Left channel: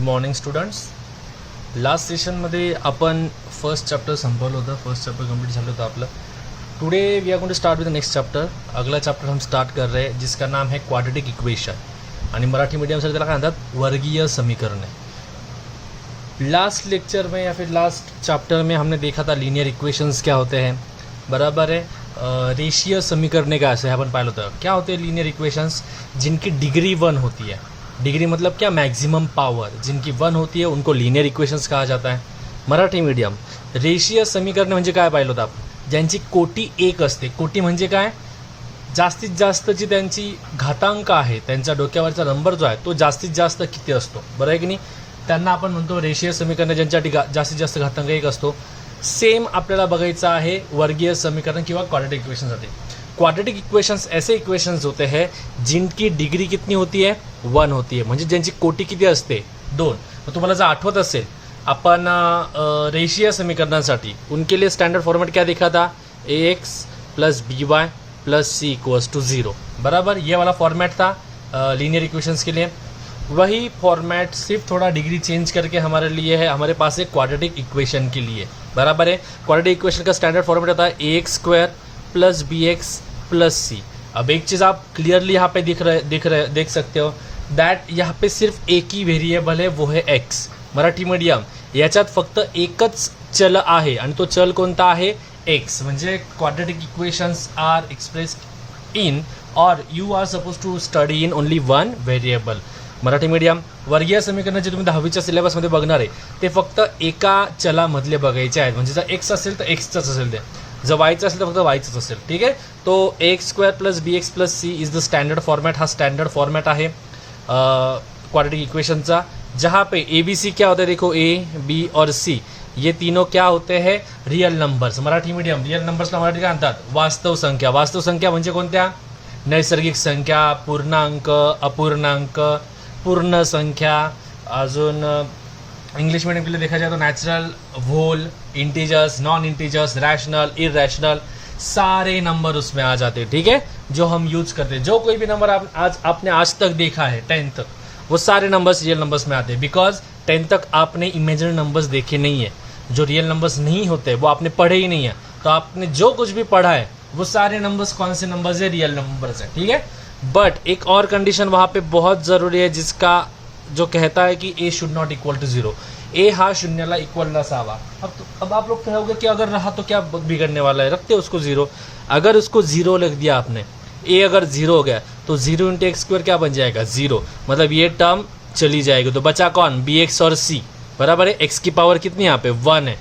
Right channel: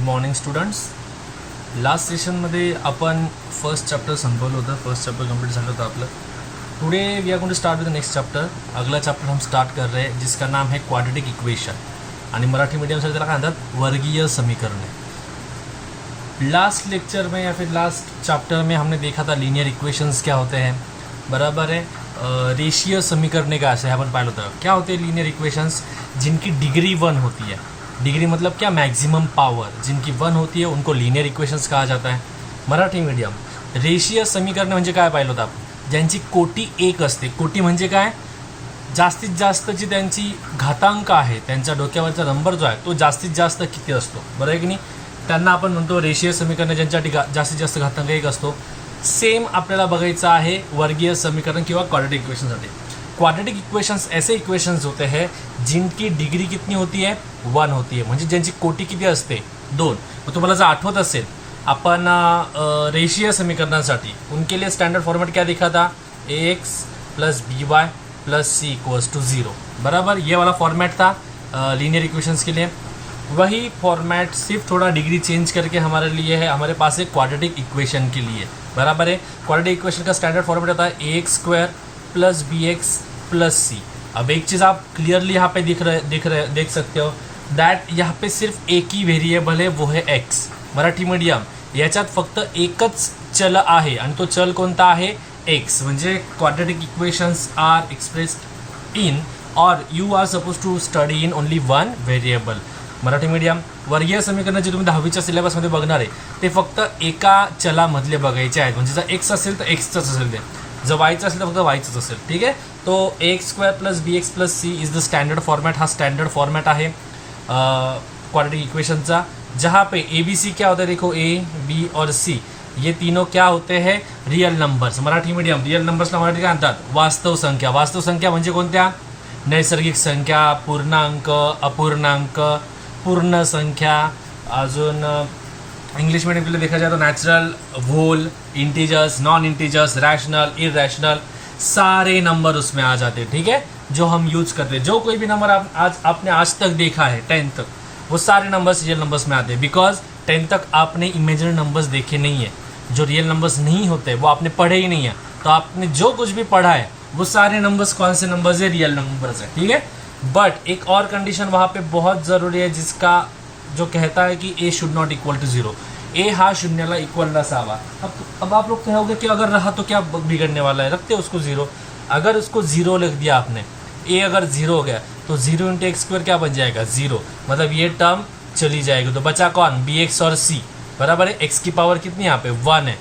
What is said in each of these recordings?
Morning students. Last सेशनमध्ये आपण first chapter संपवलं होतं. फर्स्ट चैप्टर कंप्लीट झालं होतं आपलं. Today we are going to start with the next chapter. अगला चैप्टर हम स्टार्ट कर रहे हैं जिसका नाम है क्वाड्रेटिक इक्वेशन आणि मराठी मीडियम त्याला काय म्हणतात वर्गीय समीकरणे. लास्ट लेक्चर में या फिर लास्ट चैप्टर में हमने देखा था लीनियर इक्वेशंस क्या होते हैं, बराबर है. रेशियो समीकरणे का ऐसे अपन पाहिलं होतं. क्या होते हैं लीनियर इक्वेशंस? जिनकी डिग्री 1 होती है. डिग्री मतलब क्या? Maximum power. जिनकी 1 होती है उनको लीनियर इक्वेशंस कहा जाता है. मराठी मीडियम. रेशियो समीकरणे म्हणजे काय पाहिलं होतं आपण? ज्यांची कोटी 1 असते. कोटी म्हणजे काय? जास्तीत जास्त जी त्यांची घातांक आहे, त्यांच्या डोक्यावरचा नंबर जो आहे तो जास्तीत जास्त किती असतो, बरं आहे की नाही, त्यांना आपण म्हणतो रेशियो समीकरण. ज्यांच्यासाठी जास्तीत जास्त घातांक 1 असतो. सेम आपल्याला बघायचं आहे वर्गीय समीकरण किंवा क्वाड्रेटिक इक्वेशनसाठी. क्वाड्रेटिक इक्वेशंस ऐसे इक्वेशंस होते हैं जिनकी डिग्री कितनी होती है? 1 होती है. म्हणजे ज्यांची कोटी किती असते? 2. मग तुम्हाला जर आठवत असेल अपन रेशियो समीकरणासाठी उनके लिए स्टैंडर्ड फॉर्मेट क्या देखा था? ax plus by plus c equals to 0. बराबर, ये वाला फॉर्मेट था लीनियर इक्वेशंस के लिए. वही फॉर्मेट सिर्फ थोड़ा डिग्री चेंज करके हमारे लिए है, हमारे पास एक क्वाड्रेटिक इक्वेशन के लिए. बराबर है. क्वाड्रेटिक इक्वेशन का स्टैंडर्ड फॉर्मेट होता है ax square plus bx plus c. अब एक चीज़ आप क्लियरली यहाँ पे देख सकते हो दैट यहाँ पे सिर्फ एक ही व्हेरिएबल है, वो है x. मराठी मीडियम. याच्यात फक्त एकच चल आहे आणि तो चल कोणता आहे? x. म्हणजे quadratic equations are expressed in और you are suppose to study in only 1 variable. Marathi medium. वर्गीय समीकरण जे तुम्ही 10वीच्या सिलेबसमध्ये बघणार आहे ते फक्त एका चलामधले बघायचे आहेत. म्हणजे जर x असेल तर एक्सचंच असेल, ते जर वायचं असेल तर फक्त वायचंच असेल. ठीक है. तो ax square plus bx plus c is the standard format. हा स्टैंडर्ड फॉर्मेट आहे क्वाड्रेटिक इक्वेशनचा. जहाँ पे ए बी सी क्या होता है? देखो ए बी और सी ये तीनों क्या होते हैं? Real numbers. Marathi medium. Real नंबर्सला मराठी काय म्हणतात? वास्तव संख्या. वास्तव संख्या म्हणजे कोणत्या? नैसर्गिक संख्या, पूर्णांक, अपूर्णांक, पूर्ण संख्या. अजून इंग्लिश मीडियम के लिए देखा जाए तो natural, whole, integers, non integers, rational, irrational, सारे नंबर उसमें आ जाते हैं. ठीक है, जो हम यूज करते हैं. जो कोई भी नंबर आपने आज तक देखा है 10 तक, वो सारे नंबर्स रियल नंबर्स में आते हैं. बिकॉज 10 तक आपने इमेजिनरी नंबर्स देखे नहीं है. जो रियल नंबर्स नहीं होते वो आपने पढ़े ही नहीं है. तो आपने जो कुछ भी पढ़ा है वो सारे नंबर्स कौन से नंबर्स है? रियल नंबर्स है. ठीक है. बट एक और कंडीशन वहाँ पे बहुत ज़रूरी है जिसका जो कहता है कि ए शुड नॉट इक्वल टू 0. ए हा शून्याला इक्वल नसावा. अब आप लोग कहोगे कि अगर रहा तो क्या बिगड़ने वाला है? रखते उसको 0. अगर उसको 0 लिख दिया आपने, ए अगर 0 हो गया तो 0 इंटू एक्स स्क्वायर क्या बन जाएगा? 0. मतलब ये टर्म चली जाएगी. तो बचा कौन? बी एक्स और सी. बराबर है. एक्स की पावर कितनी यहाँ पे? 1 है.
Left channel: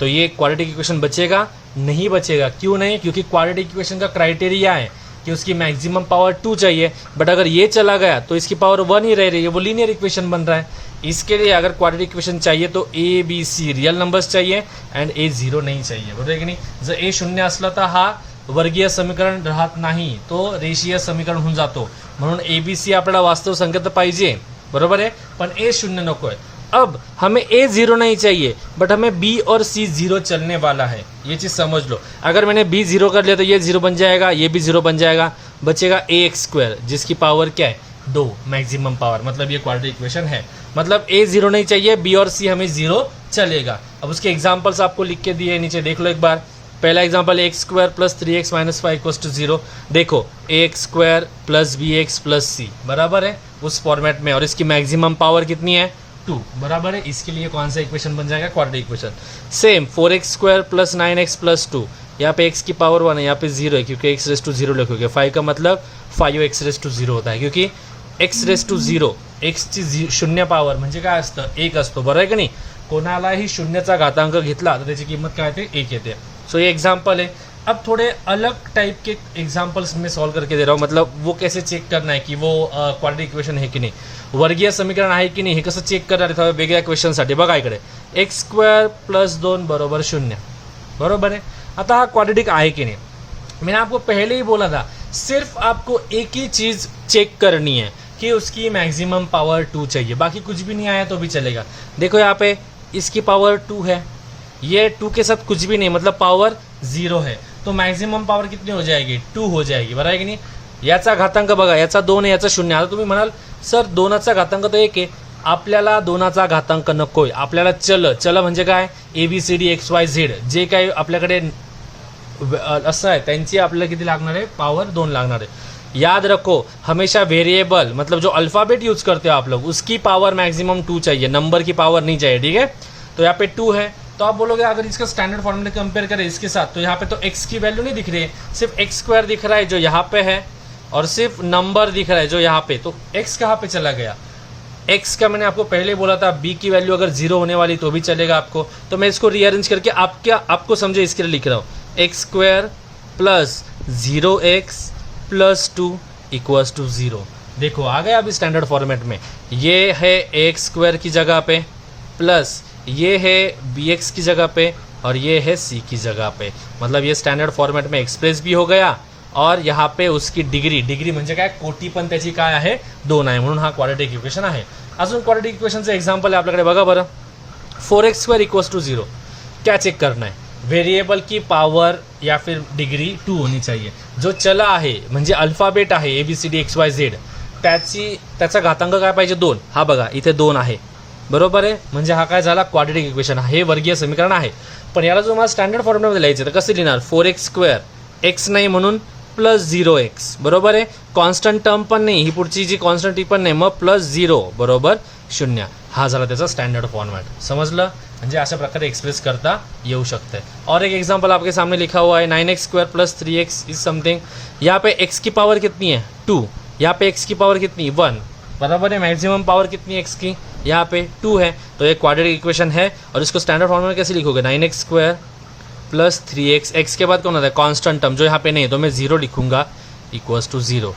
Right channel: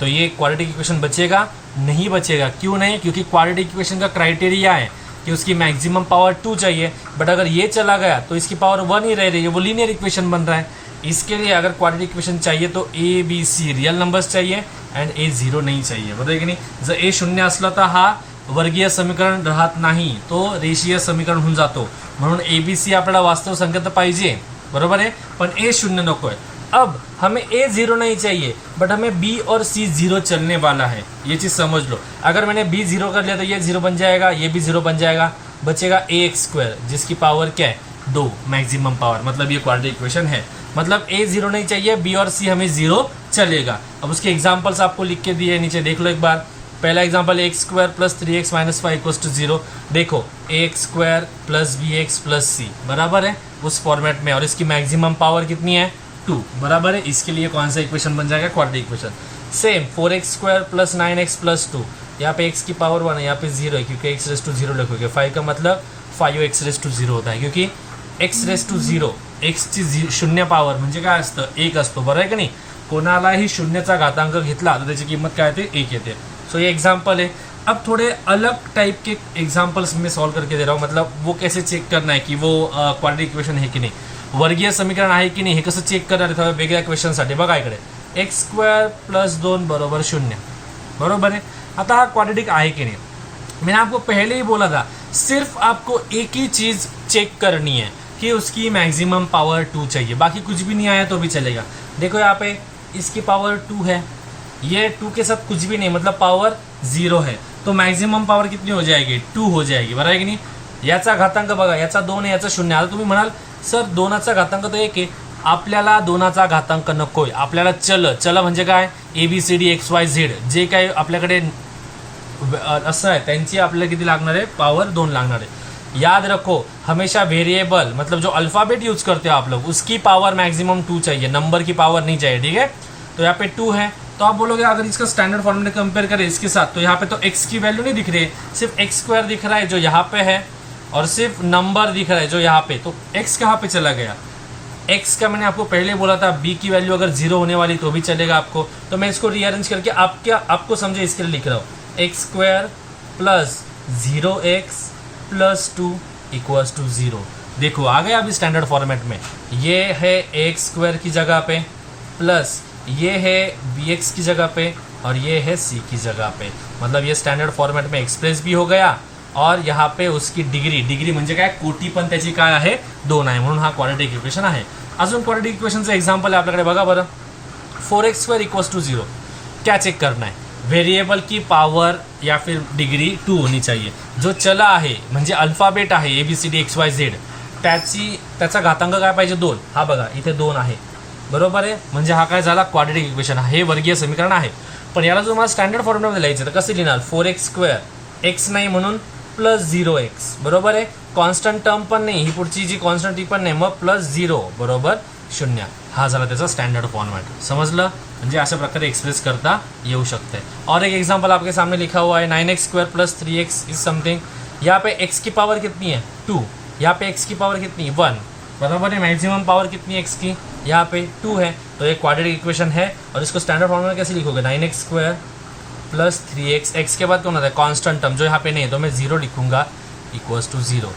तो ये क्वाड्रेटिक इक्वेशन बचेगा? नहीं बचेगा. क्यों नहीं? क्योंकि क्वाड्रेटिक इक्वेशन का क्राइटेरिया है कि उसकी मैक्सिमम पावर 2 चाहिए. बट अगर ये चला गया तो इसकी पावर 1 ही रह रही है, वो लीनियर इक्वेशन बन रहा है. इसके लिए अगर क्वाड्रेटिक इक्वेशन चाहिए तो a b c real numbers चाहिए एंड ए 0 नहीं चाहिए. बरोबर की नाही? जर ए 0 असला तर हा वर्गीय समीकरण राहत नाही, तो रेषीय समीकरण होऊन जातो. म्हणून ए बी सी आपल्याला वास्तव संख्या तर पाहिजे, बरोबर आहे, पण ए 0 नको आहे. अब हमें ए 0 नहीं चाहिए बट हमें बी और सी 0 चलने वाला है. ये चीज़ समझ लो. अगर मैंने बी 0 कर लिया तो ये 0 बन जाएगा, ये भी 0 बन जाएगा. बचेगा ए एक्स स्क्वायर जिसकी पावर क्या है? 2 मैक्सिमम पावर. मतलब ये क्वाड्रेटिक इक्वेशन है. मतलब ए 0 नहीं चाहिए, बी और सी हमें 0 चलेगा. अब उसके एग्जाम्पल्स आपको लिख के दिए नीचे, देख लो एक बार. पहला example x square plus 3x minus 5 equals to 0. देखो a x square plus b x plus c बराबर है उस फॉर्मेट में, और इसकी मैक्सिमम पावर कितनी है? 2. बराबर है. इसके लिए कौन सा इक्वेशन बन जाएगा? Quadratic equation. Same 4x square plus 9x plus 2. यहाँ पे x की पावर 1 है, यहाँ पे 0 है क्योंकि x रेस टू 0 लिखोगे. 5 का मतलब 5x रेस टू 0 होता है क्योंकि x रेस टू 0, x ची 0 पावर म्हणजे काय असतं? 1 असतो. बरं आहे की नाही? कोणालाही 0चा घातांक घेतला तर त्याची किंमत काय होते? 1 येते. सो ये एग्जाम्पल है. अब थोड़े अलग टाइप के एग्जाम्पल्स मैं सॉल्व करके दे रहा हूँ. मतलब वो कैसे चेक करना है कि वो क्वाड्रेटिक इक्वेशन है की नाही, वर्गीय समीकरण आहे की नाही, हे कसं चेक करणार आहे? थोड्या वेगळ्या क्वेश्चनसाठी बघा इकडे. एक्स स्क्वायर प्लस 2 बरोबर 0. बरोबर है. आता हा क्वाड्रेटिक आहे की नाही? मैंने आपको पहले ही बोला था सिर्फ आपको एक ही चीज़ चेक करनी है कि उसकी मैक्सिमम पावर 2 चाहिए, बाकी कुछ भी नहीं आया तो भी चलेगा. देखो यहाँ पे इसकी पावर 2 है, ये 2 के साथ कुछ भी नहीं, मतलब पावर 0 है. तो मैक्सिमम पावर कितनी हो जाएगी? 2 हो जाएगी. बराबर है की नाही? याचा घातांक बघा, याचा 2 आहे, याचा 0. आता तुम्ही म्हणाल सर 2चा घातांक तर 1 आहे, आपल्याला दोनाचा घातांक नकोय, आपल्याला चल म्हणजे काय, ABCD XYZ जे काही आपल्याकडे असं आहे त्यांची आपल्याला किती लागणार आहे, पावर 2 लागणार है। याद रखो हमेशा वेरिएबल मतलब जो अल्फाबेट यूज करते हो आप लोग उसकी पावर मैक्सिमम 2 चाहिए, नंबर की पावर नहीं चाहिए, ठीक है। तो यहाँ पे 2 है, तो आप बोलोगे अगर इसका स्टैंडर्ड फॉर्म में कंपेयर करें इसके साथ, तो यहाँ पे तो x की वैल्यू नहीं दिख रही है, सिर्फ x² दिख रहा है जो यहाँ पे है, और सिर्फ नंबर दिख रहा है जो यहाँ पे, तो x कहाँ पे चला गया, x का मैंने आपको पहले बोला था b की वैल्यू अगर 0 होने वाली तो भी चलेगा आपको, तो मैं इसको रीअरेंज करके आपको समझे इसके लिए लिख रहा हूँ, x² plus 0x plus 2 equals to 0। देखो आ गया अभी स्टैंडर्ड फॉर्मेट में, ये है ax² की जगह पे प्लस ये है bx की जगह पे और ये है c की जगह पे, मतलब ये स्टैंडर्ड फॉर्मेट में एक्सप्रेस भी हो गया, और यहाँ पे उसकी डिग्री म्हणजे काय, कोटी पण त्याची काय आहे, 2 आहे, म्हणून हा क्वाड्रेटिक इक्वेशन आहे। अजून क्वाड्रेटिक इक्वेशनचं एक्झाम्पल आहे आपल्याकडे, बघा बरं, 4x² इक्वल्स टू 0। क्या चेक करना है, वेरिएबल की पावर या फिर डिग्री 2 होनी चाहिए, जो चला आहे म्हणजे अल्फाबेट आहे ABCD XYZ त्याचा घातांक काय पाहिजे, 2। हा बघा इथे 2 आहे, बरोबर आहे, म्हणजे हा काय झाला, क्वाड्रेटिक इक्वेशन, हे वर्गीय समीकरण आहे। पण याला जो मला स्टँडर्ड फॉर्म्युलामध्ये लिहायचं तर कसं लिहिणार, 4x² x नाही म्हणून प्लस 0x, बरोबर आहे, कॉन्स्टंट टर्म पण नाही, ही पुढची जी कॉन्स्टंट ती पण नाही, मग प्लस 0 बरोबर 0, हा झाला त्याचा स्टँडर्ड फॉर्मॅट, समजलं, म्हणजे अशा प्रकारे एक्सप्रेस करता येऊ शकते। और एक एग्जांपल आपके सामने लिखा हुआ है 9x² plus 3x is something, यहाँ पे x की पावर कितनी है 2, यहाँ पे x की पावर कितनी 1, बराबर है, मैक्सिमम पावर कितनी है x की, यहाँ पे 2 है, तो ये क्वाड्रेटिक इक्वेशन है, और इसको स्टैंडर्ड फॉर्म में कैसे लिखोगे, 9x² प्लस 3x, x के बाद कौन होता है कांस्टेंट टर्म जो यहाँ पे नहीं है, तो मैं 0 लिखूंगा इक्वल्स टू 0,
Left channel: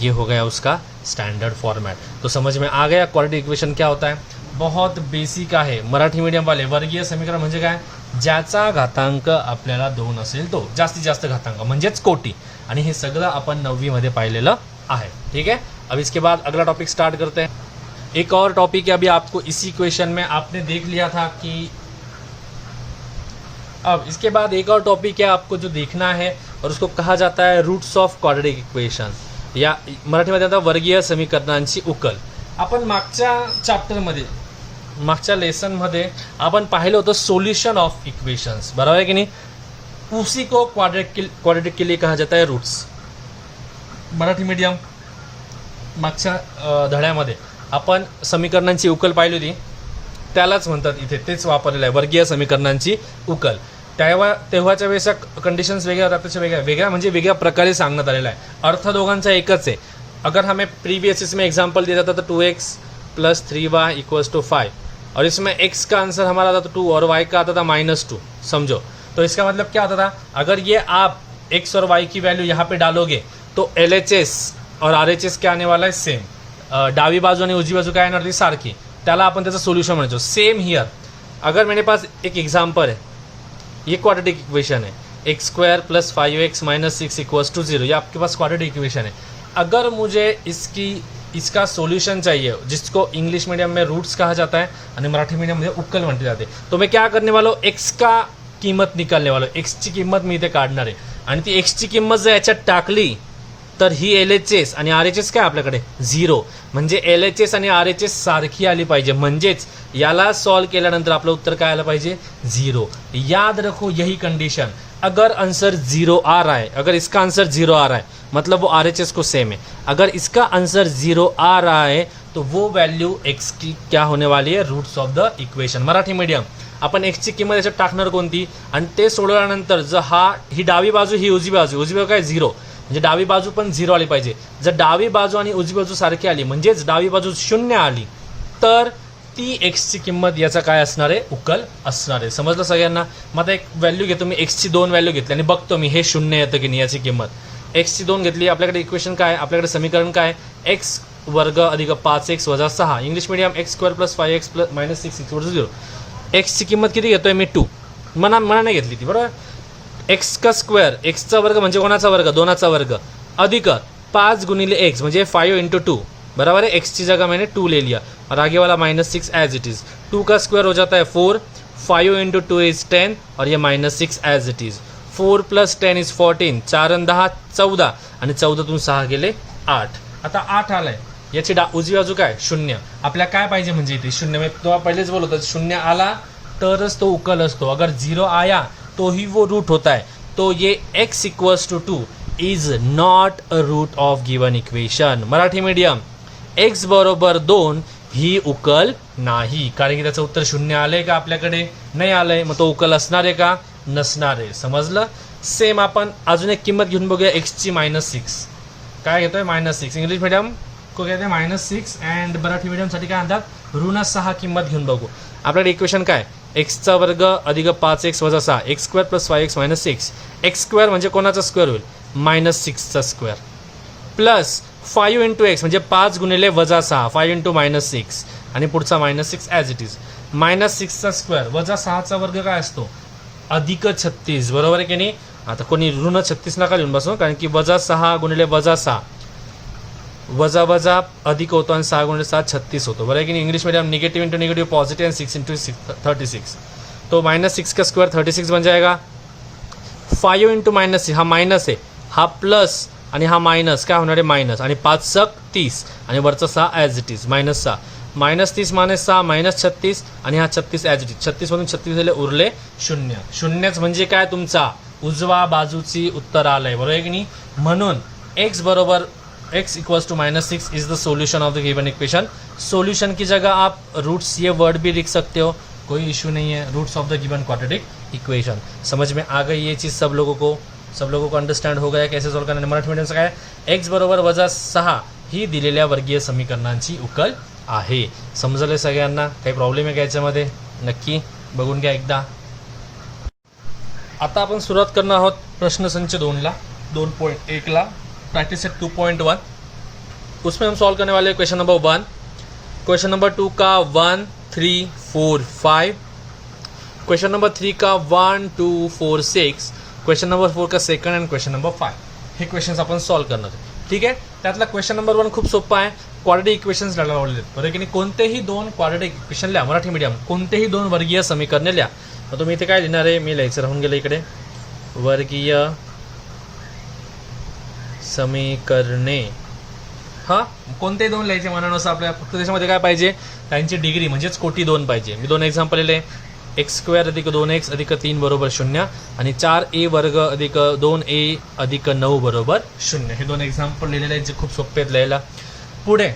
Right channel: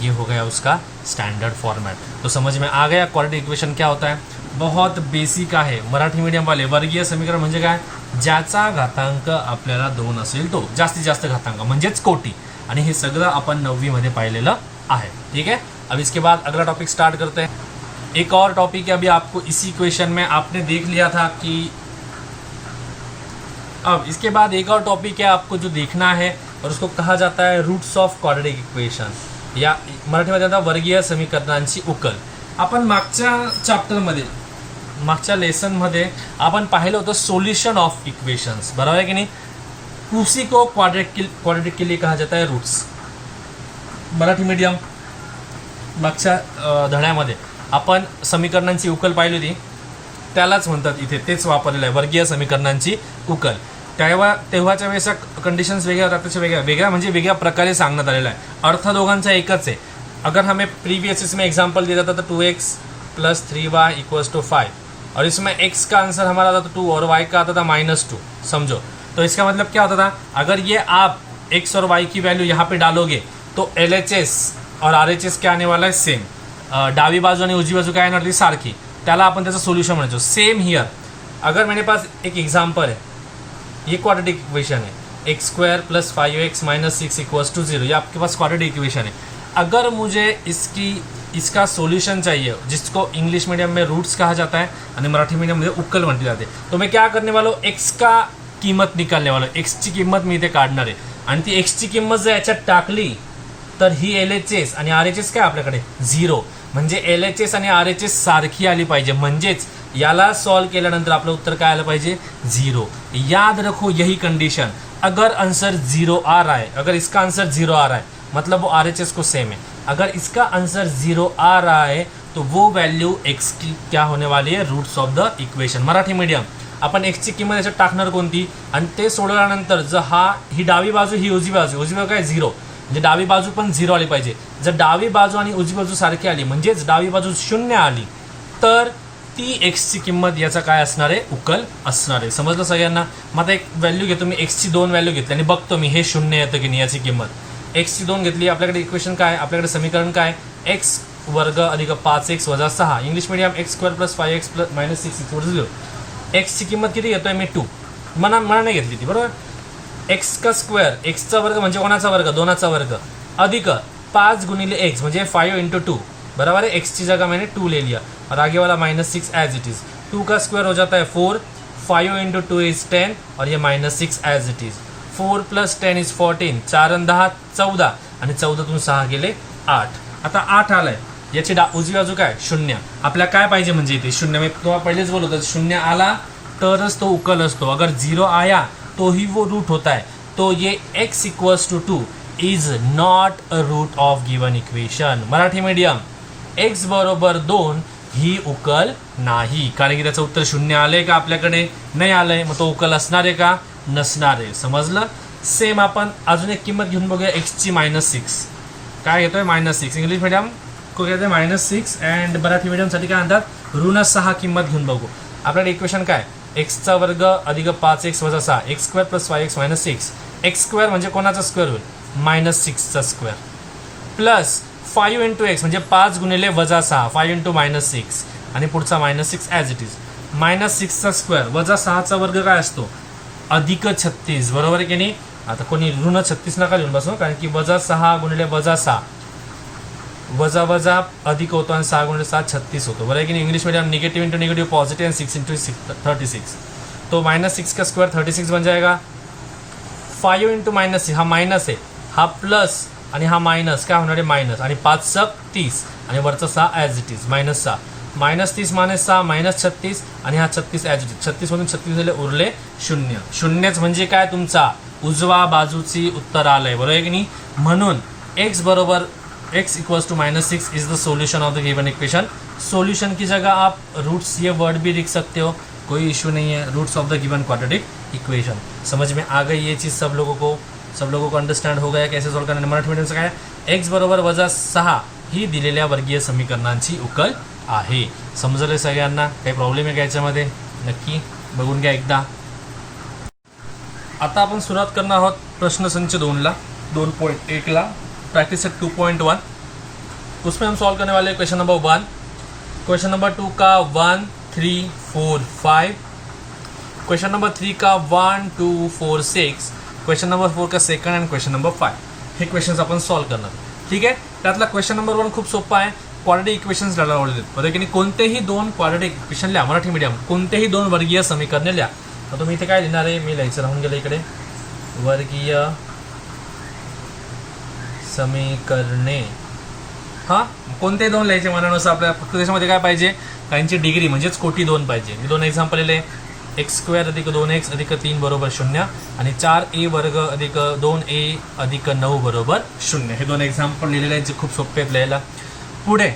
ये हो गया उसका स्टैंडर्ड फॉर्मेट। तो समझ में आ गया क्वाड्रेटिक इक्वेशन क्या होता है, बहुत बेसिक आहे, मराठी मीडियम वाले वर्गीय समीकरण म्हणजे काय, ज्याचा घातांक आपल्याला 2 असेल तो, जास्तीत जास्त घातांक म्हणजेच कोटी, आणि हे सगळं आपण 9वी मध्ये पाहिलेलं आहे, ठीक है। अब इसके बाद अगला टॉपिक स्टार्ट करते हैं। एक और टॉपिक है, अभी आपको इसी क्वेश्चन में आपने देख लिया था कि, अब इसके बाद एक और टॉपिक है आपको जो देखना है, और उसको कहा जाता है रूट्स ऑफ क्वाड्रेटिक इक्वेशन, या मराठीमध्ये आता वर्गीय समीकरणांची उकल। आपण मागच्या चॅप्टरमध्ये, मागच्या लेसनमध्ये आपण पाहिलं होतं सोल्यूशन ऑफ इक्वेशंस, बरोबर है कि नहीं, उसी को क्वाड्रेटिक के लिए कहा जाता है रूट्स। मराठी मीडियम मागच्या धड्यामध्ये आपण समीकरणांची उकल पाहिली होती, त्यालाच म्हणतात इथे तेच वापरलेलं आहे, वर्गीय समीकरणांची उकल। तेव्हाच्या वेळेच्या कंडिशन्स वेगळ्या होत्या, त्याच्या वेगळ्या म्हणजे वेगळ्या प्रकारे सांगण्यात आलेला आहे, अर्थ दोघांचा एकच आहे। अगर हमें प्रीवियस इसमें एग्जाम्पल दिया जाता तो 2x plus 3y equals to 5, और इसमें x का आंसर हमारा आता था 2 और y का आता था -2, समझो। तो इसका मतलब क्या होता था, अगर ये आप x और y की वैल्यू यहाँ पे डालोगे तो LHS और RHS क्या आने वाला है, सेम, डावी बाजू आणि उजवी बाजू काय येणार ती सारखी, त्याला आपण त्याचं सोल्यूशन म्हणायचो। सेम हियर, अगर मेरे पास एक एग्जाम्पल है, ये क्वाड्रेटिक इक्वेशन है, x² plus 5x minus 6 equals to 0, ये आपके पास क्वाड्रेटिक इक्वेशन है। अगर मुझे इसका सॉल्यूशन चाहिए, जिसको इंग्लिश मीडियम में रूट्स कहा जाता है आणि मराठी मीडियम में उक्कल म्हटली जाते, तो मैं क्या करने वाला हूँ, x का किंमत निकालने वाला हूँ, x ची किंमत मी इथे काढणार आहे, आणि ती x ची किंमत जर याच्यात टाकली तर ही LHS आणि RHS काय आपल्याकडे 0, म्हणजे LHS आणि RHS सारखी आली पाहिजे, म्हणजेच याला सॉल्व केल्यानंतर आपलं उत्तर काय आलं पाहिजे, 0। याद रखो यही कंडीशन, अगर आंसर 0 आ रहा है, अगर इसका आंसर 0 आ रहा है मतलब वो RHS को सेम है, अगर इसका आंसर 0 आ रहा है तो वो वैल्यू x की क्या होने वाली है, roots of the equation. Marathi medium आपण x ची किंमत याच्यात टाकणार कोणती, आणि ते सोडवल्यानंतर जर ही डावी बाजू ही उजवी बाजू काय 0, म्हणजे डावी बाजू पण 0 आली पाहिजे। जर डावी बाजू आणि उजवी बाजू सारखी आली, म्हणजेच डावी बाजू 0 आली, तर ती x ची किंमत याचा काय असणार आहे, उकल असणार आहे। समजलं सगळ्यांना। मग आता एक व्हॅल्यू घेतो मी, x ची 2 व्हॅल्यू घेतली आणि बघतो मी हे 0 येतं की नाही याची किंमत। x ची 2 घेतली, आपल्याकडे इक्वेशन काय, आपल्याकडे समीकरण काय, x वर्ग अधिक 5x वजा 6, English medium x² plus 5x plus minus 6 equals to 0। x ची किंमत किती घेतोय मी 2, मना नाही घेतली ती, बरोबर। x का स्क्वेअर, x चा वर्ग म्हणजे कोणाचा वर्ग, 2चा वर्ग, अधिक 5 गुणिले x म्हणजे 5 इंटू 2, बराबर है, x की जगह मैंने 2 ले लिया, और आगे वाला -6 एज इट इज, 2 का स्क्वायर हो जाता है 4, 5 इंटू 2 इज 10, और ये -6 as it is, 4 plus 10 is 14, 4 आणि 10 14, आणि 14 6 गेले 8। आता 8 आलाय, याची उजवी बाजू काय शून्य. आपल्याला काय पाहिजे म्हणजे इथे शून्य. मी तुम्हाला पहिलेच बोलतो शून्य आला तरच तो उकल असतो. अगर 0 आया तो ही वो रूट होता है. तो ये x equals to 2 is not a root of given equation. Marathi medium x बरोबर 2 ही उकल नाही, कारण की त्याचं उत्तर शून्य आलंय का आपल्याकडे नाही आलंय. मग तो उकल असणार आहे का नसणार आहे. समजलं. सेम आपण अजून एक किंमत घेऊन बघूया एक्सची -6. काय घेतोय -6. इंग्लिश मीडियम को कहते हैं -6 अँड मराठी मीडियमसाठी काय म्हणतात ऋण 6 किंमत घेऊन बघू. आपल्याकडे इक्वेशन काय एक्सचा वर्ग अधिक 5x वजा 6 x square plus 5x minus 6. X square म्हणजे कोणाचा स्क्वेअर होईल -6चा स्क्वेअर प्लस 5 इंटू एक्स म्हणजे 5 गुणिले वजा 6 5 इंटू -6 आणि पुढचा -6 ॲज इट इज. -6चा स्क्वेअर वजा 6चा वर्ग काय असतो अधिक 36. बरोबर आहे की नाही. आता कोणी ऋण 36 नका लिहून बसू, कारण की वजा 6 गुणिले वजा 6 वजा वजा अधिक होतो आणि 6 गुणिले 7 36 होतो. बरोबर आहे की नाही. English medium negative into negative positive end 6 into 36. तो -6 का स्क्वायर 36 बन जाएगा. 5 इंटू -6 हा माइनस आहे, हा प्लस आणि हा मायनस काय होणार आहे मायनस आणि 5 × 30 आणि वरचा 6 ॲज इट इज -6 -30 -6 -36 आणि हा 36 ॲज इट इज. 36 मधून 36 झाले उरले 0. शून्यच म्हणजे काय तुमचा उजवा बाजूची उत्तर आलंय. बरोबर आहे की नाही. म्हणून x बरोबर x equals to -6 is the solution of the given equation. Solution की जगह आप रूट्स ये वर्ड भी लिख सकते हो, कोई इशू नहीं है. Roots of the given quadratic equation. समझ में आ गई ये चीज़ सब लोगों को अंडरस्टँड हो गया कैसे सॉल्व करणे. मराठी मीडियमचं काय x बरोबर वजा 6 ही दिलेल्या वर्गीय समीकरणांची उकल आहे. समजलं सगळ्यांना. काही प्रॉब्लेम आहे का याच्यामध्ये नक्की बघून घ्या एकदा. आता आपण सुरुवात करणार आहोत प्रश्न संच 2ला 2.1ला प्रैक्टिस सेट 2.1. उसमें हम सॉल्व करने वाले क्वेश्चन नंबर 1. क्वेश्चन नंबर 2 का 1 3 4 5. क्वेश्चन नंबर 3 का 1 2 4 6. क्वेश्चन नंबर 4 का सेकंड अँड क्वेश्चन नंबर 5. हे क्वेश्चन्स आपण सॉल्व करणार. ठीक आहे. त्यातला क्वेश्चन नंबर 1 खूप सोपा आहे. क्वाड्रेटिक इक्वेशन्स लावलेले आहेत. बरोबर की नाही. कोणतेही 2 क्वाड्रेटिक इक्वेशन लिहा. मराठी मीडियम कोणतेही 2 वर्गीय समीकरणे लिहा. मग तुम्ही इथे काय लिहिणार आहे मी लिहायचं राहून गेलं इकडे. वर्गीय समीकरणे हा कोणते 2 लिहायचे मनानुसार आपल्याला. फक्त त्याच्यामध्ये काय पाहिजे त्यांची डिग्री म्हणजेच कोटी 2 पाहिजे. मी 2 एक्झाम्पल लिहिले. x² अधिक 2x अधिक 3 बरोबर 0 आणि 4a वर्ग अधिक 2a अधिक 9 बरोबर 0. हे 2 एक्झाम्पल लिहिलेले आहेत जे खूप सोपे आहेत लिहायला. पुढे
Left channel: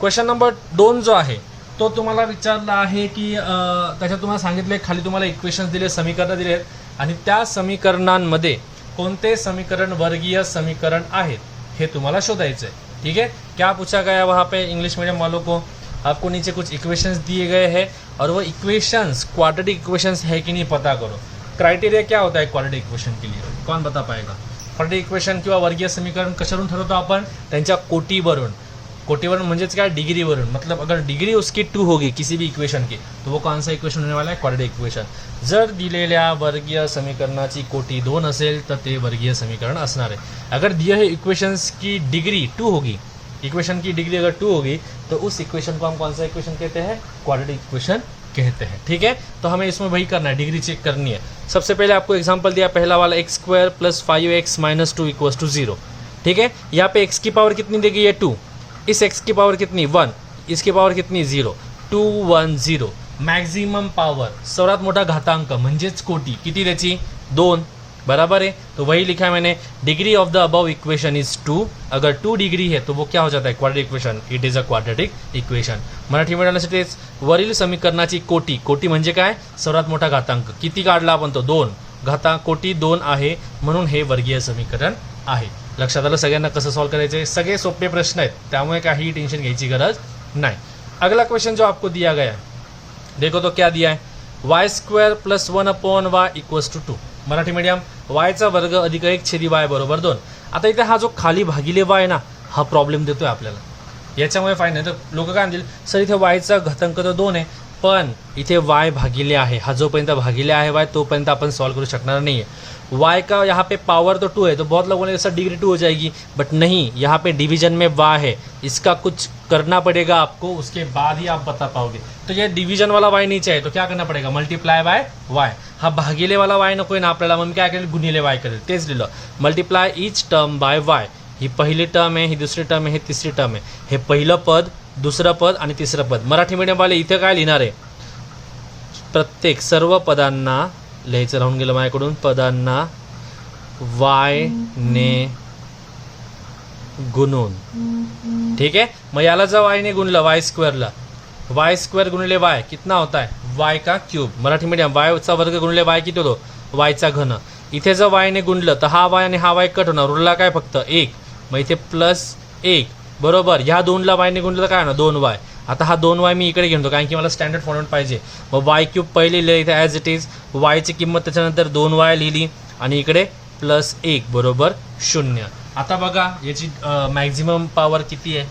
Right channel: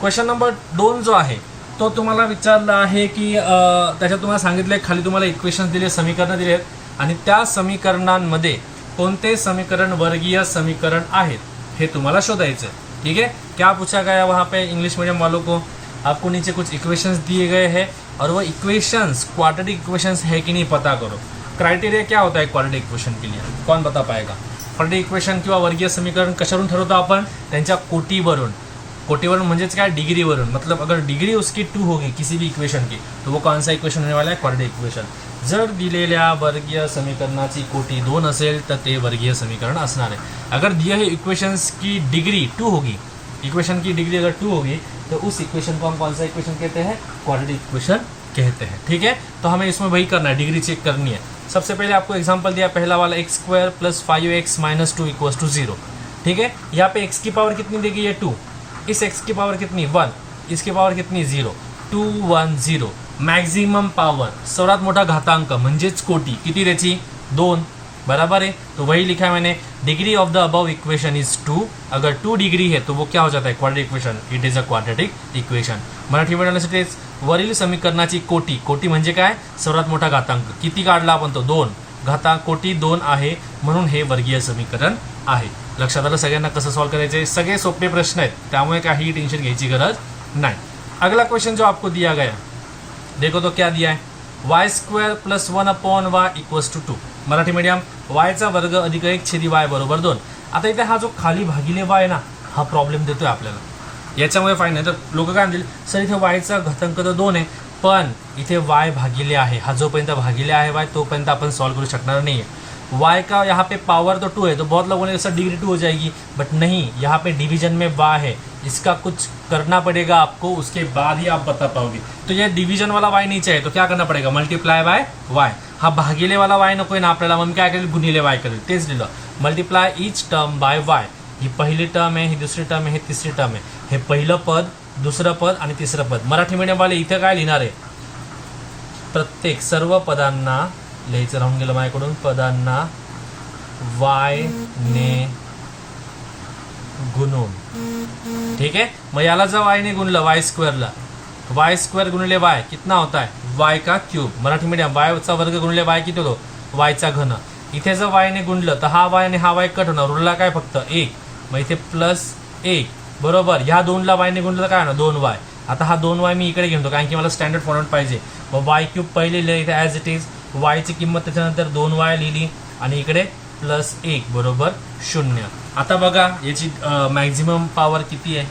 क्वेश्चन नंबर 2 जो आहे तो तुम्हाला विचारला आहे की त्याच्यात तुम्हाला सांगितलं खाली तुम्हाला इक्वेशन्स दिले समीकरणं दिले आहेत आणि त्या समीकरणांमध्ये कोणते समीकरण वर्गीय समीकरण आहेत हे तुम्हाला शोधायचं आहे. ठीक है. क्या पूछा गया वहाँ पे इंग्लिश मीडियम वालों को. आपको नीचे कुछ इक्वेशंस दिए गए हैं और वो इक्वेशंस क्वाड्रेटिक इक्वेशंस है कि नहीं पता करो. क्राइटेरिया क्या होता है क्वाड्रेटिक इक्वेशन के लिए कौन बता पाएगा. क्वाड्रेटिक इक्वेशन किंवा वर्गीय समीकरण कशावरून ठरवतो आपण त्यांच्या कोटीवरून. कोटीवरून म्हणजेच काय डिग्रीवरून. मतलब अगर डिग्री उसकी 2 होगी किसी भी इक्वेशन की तो वो कौन सा इक्वेशन होने वाला है क्वाड्रेटिक इक्वेशन. जर दिलेल्या वर्गीय समीकरणाची कोटी 2 असेल तर ते वर्गीय समीकरण असणार आहे. अगर दिए हुए इक्वेशंस की डिग्री 2 होगी, इक्वेशन की डिग्री अगर 2 होगी तो उस इक्वेशन को हम कौन सा इक्वेशन कहते हैं क्वाड्रेटिक इक्वेशन कहते हैं. ठीक है. तो हमें इसमें वही करना है, डिग्री चेक करनी है. सबसे पहले आपको एग्जांपल दिया पहला वाला x² + 5x - 2 = 0. ठीक है. यहाँ पे x की पावर कितनी देगी ये 2. इस x की पावर कितनी 1. इसकी पावर कितनी 0. 2 1 0. मॅक्झिमम पावर सर्वात मोठा घातांक म्हणजेच कोटी किती त्याची 2. बराबर है. तो वही लिखा है मैंने. Degree of the above equation is 2. अगर 2 डिग्री है तो वो क्या हो जाता है quadratic equation. It is a quadratic equation. Marathi मीडियमसाठी वरील समीकरणाची कोटी. कोटी म्हणजे काय सर्वात मोठा घातांक. किती काढला आपण तो 2. घातांक कोटी 2 आहे म्हणून हे वर्गीय समीकरण आहे. लक्षात आलं सगळ्यांना कसं सॉल्व करायचे. सगळे सोपे प्रश्न आहेत त्यामुळे काही टेंशन घ्यायची गरज नाही. अगला क्वेश्चन जो आपको दिया गया देखो तो क्या दिया है. y² + 1/y = 2. मराठी मीडियम yचा वर्ग अधिक 1/y बरोबर 2. आता इथे हा जो खाली भागिले y ना हा प्रॉब्लेम देतोय आपल्याला. याच्यामुळे फाईन नाही तर लोक काय म्हणतील सर इथे yचा घातांक तर 2 आहे पण इथे y भागिले आहे. हा जोपर्यंत भागिले आहे y तोपर्यंत आपण सॉल्व करू शकणार नाही है. y का यहाँ पे पावर तो 2 है तो बहुत लोगों ने ऐसा डिग्री 2 हो जाएगी बट नहीं. यहाँ पे डिवीजन में y है. इसका कुछ करना पड़ेगा आपको उसके बाद ही आप बता पाओगे. तो ये डिवीजन वाला y नहीं चाहिए तो क्या करना पड़ेगा मल्टीप्लाय बाय y. हा भागिले वाला y नको आहे ना आपल्याला. मग काय करेल गुणिले y करेल. तेच लिहिलं multiply each term by y. ही पहिली टर्म आहे, ही दुसरी टर्म आहे, ही तिसरी टर्म आहे. हे पहिलं पद, दुसरं पद आणि तिसरं पद. मराठी मीडियमवाले इथे काय लिहिणार आहे, प्रत्येक सर्व पदांना लिहायचं राहून गेलं माझ्याकडून, पदांना वाय ने गुणून. ठीक है, मग याला जर वाय ने गुणलं वाय स्क्वेअरला, वाय स्क्वेअर गुणले वाय कितना होता है, वाय का क्यूब. मराठी मीडियम वायचा वर्ग गुणले वाय किती होतो, वायचा घन. इथे जर वायने गुणलं तर हा वाय आणि हा वाय कट होणार, उरला काय फक्त 1. मग इथे +1 बरोबर. ह्या 2ला वायने गुणलं तर काय होणार 2y. आता हा 2y मी इकडे घेतो कारण की मला स्टँडर्ड फॉर्मॅट पाहिजे. मग वाय क्यूब पहिले लिहिलं इथे ॲज इट इज, वायची किंमत त्याच्यानंतर 2y लिहिली आणि इकडे +1 बरोबर 0. आता बघा याची मॅक्झिमम पॉवर किती आहे,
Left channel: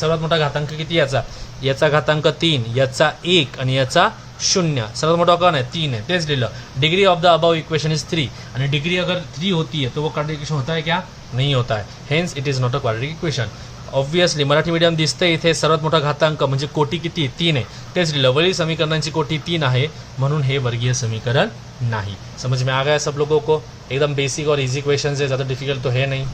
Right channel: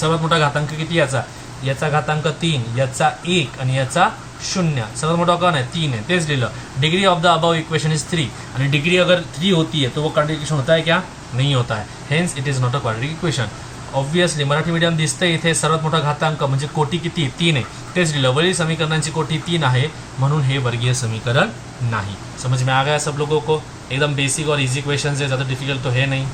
सर्वात मोठा घातांक किती याचा, याचा घातांक 3, याचा 1 आणि याचा 0. सर्वात मोठा कौन है 3 है, तेच लिहिलं. Degree of the above equation is 3 आणि डिग्री अगर 3 होती है तो वो क्वाड्रेटिक इक्वेशन होता है क्या, नहीं होता है. Hence it is not a quadratic equation. Obviously Marathi medium दिसतंय इथे सर्वात मोठा घातांक म्हणजे कोटी किती 3 आहे, तेच लिहिलं. वरील समीकरणांची कोटी 3 आहे म्हणून हे वर्गीय समीकरण नाही. समझ में आ गया सब लोगों को. एकदम बेसिक और इजी क्वेश्चन है, ज़्यादा डिफिकल्ट तो है नहीं.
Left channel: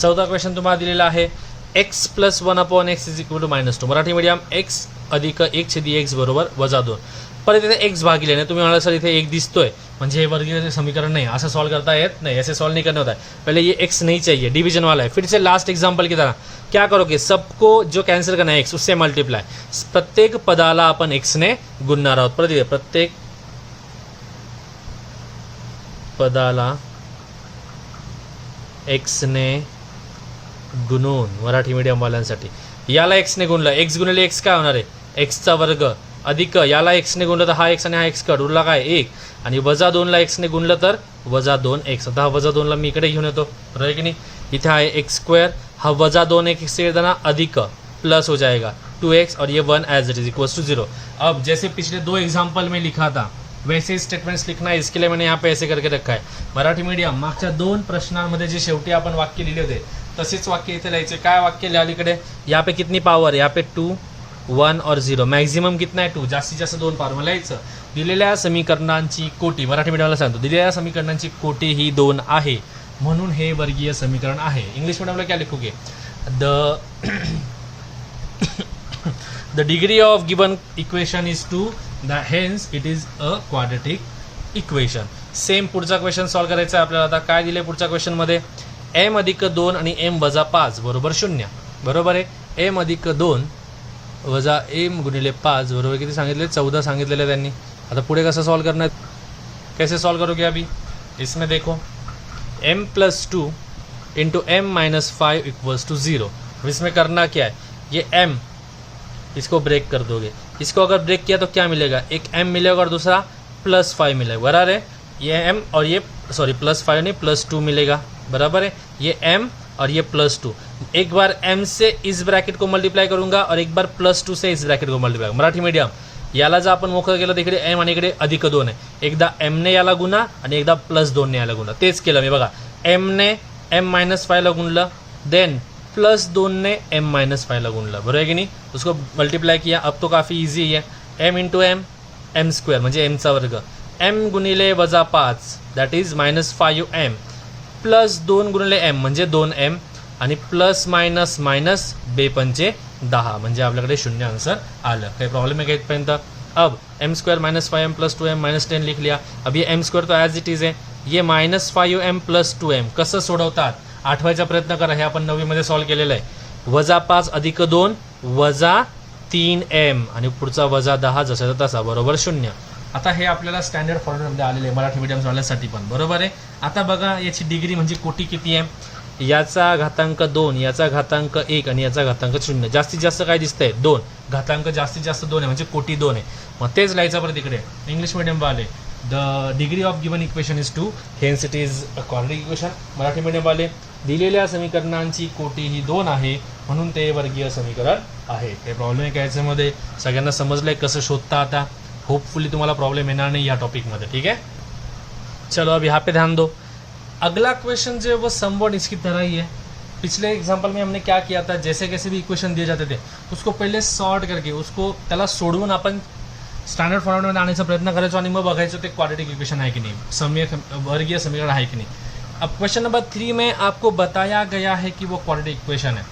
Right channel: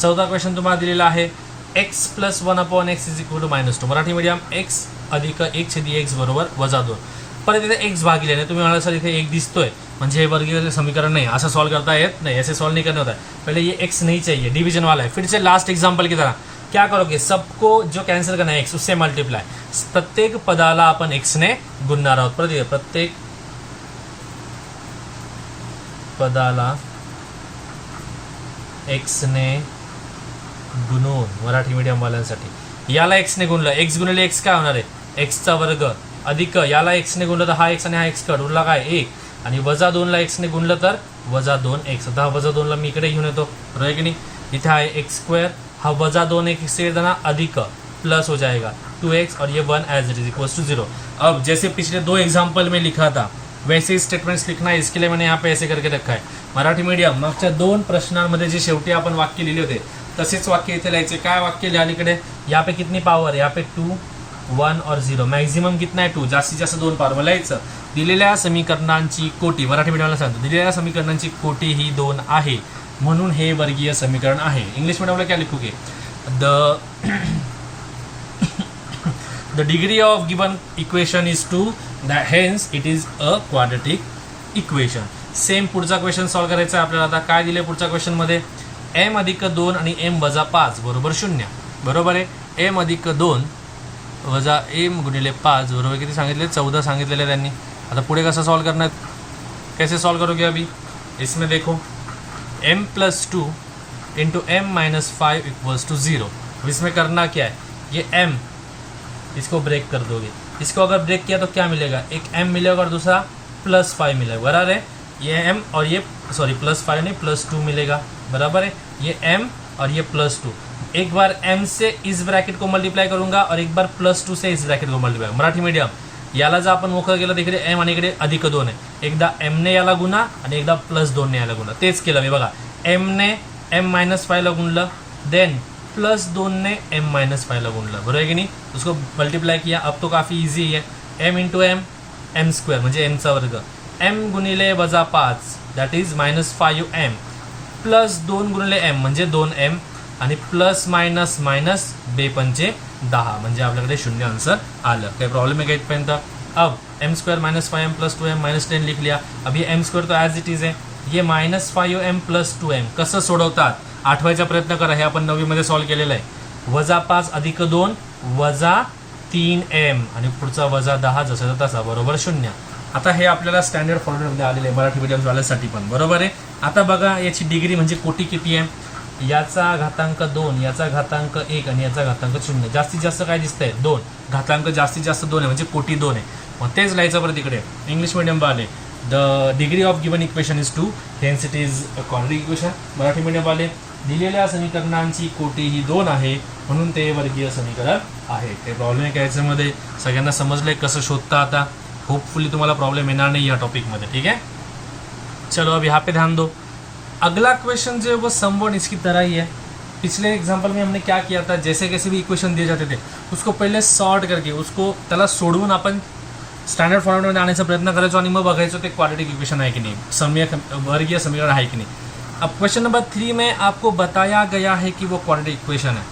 चौथा क्वेश्चन तुम्हाला दिलेला आहे x + 1/x = -2. Marathi medium x अधिक 1/x बरोबर -2. परत इथे x भागिले नाही, तुम्ही म्हणाल सर इथे 1 दिसतोय म्हणजे हे वर्गीय समीकरण नहीं, असं सॉल्व करता येत नहीं, ऐसे सॉल्व नहीं करने होता है. पहले ये x नहीं चाहिए, डिवीजन वाला है. फिर से लास्ट एग्जाम्पल की तरह क्या करोगे, सबको जो कैंसिल करना है x उससे मल्टीप्लाई. प्रत्येक पदाला आपण x ने गुणणार आहोत. परत इथे प्रत्येक पदाला x ने गुणून, मराठी मीडियम वाल्यांसाठी. याला x ने गुणलं, x गुणिले x काय होणार आहे, x चा वर्ग अधिक याला x ने गुणलं तर हा x आणि हा x कट, उरला काय 1 आणि -2ला x ने गुणलं तर -2x. आता हा -2ला मी इकडे घेऊन येतो, बरोबर की नहीं. इथे आहे x², हा -2x से देना अधिक प्लस हो जाएगा 2x और ये 1 as it is equals to 0. अब जैसे पिछले 2 एग्जाम्पल में लिखा था वैसे ही स्टेटमेंट्स लिखना है, इसके लिए मैंने यहाँ पे ऐसे करके रखा है. मराठी मीडियम मागच्या 2 प्रश्नांमध्ये जे शेवटी आपण वाक्य लिहिले होते तसेच वाक्य इथे लिहायचे. काय वाक्य लिहा इकडे, यहाँ पे कितनी पावर, यहाँ पे 2, 1 और 0. मॅक्झिमम कितना आहे 2, जास्तीत जास्त 2 पावर लिहायचं. दिलेल्या समीकरणांची कोटी, मराठी मीडियमला सांगतो, दिलेल्या समीकरणांची कोटी ही 2 आहे म्हणून हे वर्गीय समीकरण आहे. इंग्लिश मीडियमला क्या लिखोगे, the degree of given equation is 2, hence it is a quadratic equation. Same पुढचा क्वेश्चन सॉल्व करायचा आहे आपल्याला. आता काय दिले पुढच्या क्वेश्चनमध्ये, m + 2 आणि m - 5 बरोबर 0. बरोबर आहे, m + 2 वजा m गुणिले 5 बरोबर किती सांगितले, 14 सांगितलेले त्यांनी. आता पुढे कसं सॉल्व करणार, कैसे सॉल्व करोगे अभी, इसमें देखो m + 2 × m - 5 = 0. इसमें करना क्या है, ये m इसको ब्रेक कर दोगे, इसको अगर ब्रेक किया तो क्या मिलेगा, एक m मिलेगा और दूसरा +5 मिलेगा, बराबर है. ये m और ये +5 नहीं +2 मिलेगा, बराबर है. ये m और ये +2. एक बार m से इस ब्रैकेट को मल्टीप्लाई करूंगा और एक बार +2 से इस ब्रैकेट को मल्टीप्लाई. मराठी मीडियम याला जर आपण मोकळं केलं तिकडे m आणि इकडे -2 आहे. एकदा m ने याला गुणा आणि एकदा +2 ने याला गुणा. तेच केलं मी बघा, m ने m - 5 ला गुणलं, देन +2 ने m - 5 ला गुणलं, बरोबर है की नहीं. उसको मल्टीप्लाई किया. अब तो काफ़ी ईजी है, m × m m² म्हणजे m चा वर्ग, m गुणिले -5 दॅट इज -5m +2 गुणिले m म्हणजे 2m आणि प्लस मायनस मायनस 2 पंचे 10 म्हणजे आपल्याकडे 0 आंसर आलं. काही प्रॉब्लेम है क्या इथपर्यंत. अब m² - 5m + 2m - 10 लिख लिया. अब ये m² तो ॲज इट इज आहे. ये -5m + 2m कसं सोडवतात आठवायचा प्रयत्न करा. हे आपण 9वी मध्ये सॉल्व केलेलं आहे. -5 + 2 -3m आणि पुढचा -10 जसा तसा बरोबर 0. आता हे आपल्याला स्टँडर्ड फॉर्मॅटमध्ये आलेले आहे मराठी मीडियम वाल्यासाठी पण, बरोबर आहे. आता बघा याची डिग्री म्हणजे कोटी किती आहे. याचा घातांक 2, याचा घातांक 1 आणि याचा घातांक 0. जास्तीत जास्त काय दिसतंय 2. घातांक जास्तीत जास्त 2 आहे म्हणजे कोटी 2 आहे. मग तेच लिहायचं परत इकडे इंग्लिश मीडियम वाले. The degree of given equation is 2, hence it is a quadratic equation. Marathi medium वाले दिलेल्या समीकरणांची कोटी ही 2 आहे म्हणून ते वर्गीय समीकरण आहे. ते प्रॉब्लेम आहे का याच्यामध्ये सगळ्यांना समजलंय कसं शोधता. आता होपफुली तुम्हाला प्रॉब्लेम येणार नहीं या टॉपिक में, ठीक है. चलो अब यहाँ पे ध्यान दो. अगला क्वेश्चन जो है वो समवन इसकी तरह ही है. पिछले एग्जांपल में हमने क्या किया था, जैसे कैसे भी इक्वेशन दिए जाते थे उसको पहले सॉर्ट करके उसको त्याला सोडवून आपण स्टँडर्ड फॉर्मॅटमध्ये आणण्याचा प्रयत्न करायचो आणि मग बघायचो ते क्वाड्रेटिक इक्वेशन आहे की नाही, वर्गीय समीकरण आहे की नाही. अब क्वेश्चन नंबर 3 में आपको बताया गया है कि वो क्वाड्रेटिक इक्वेशन है.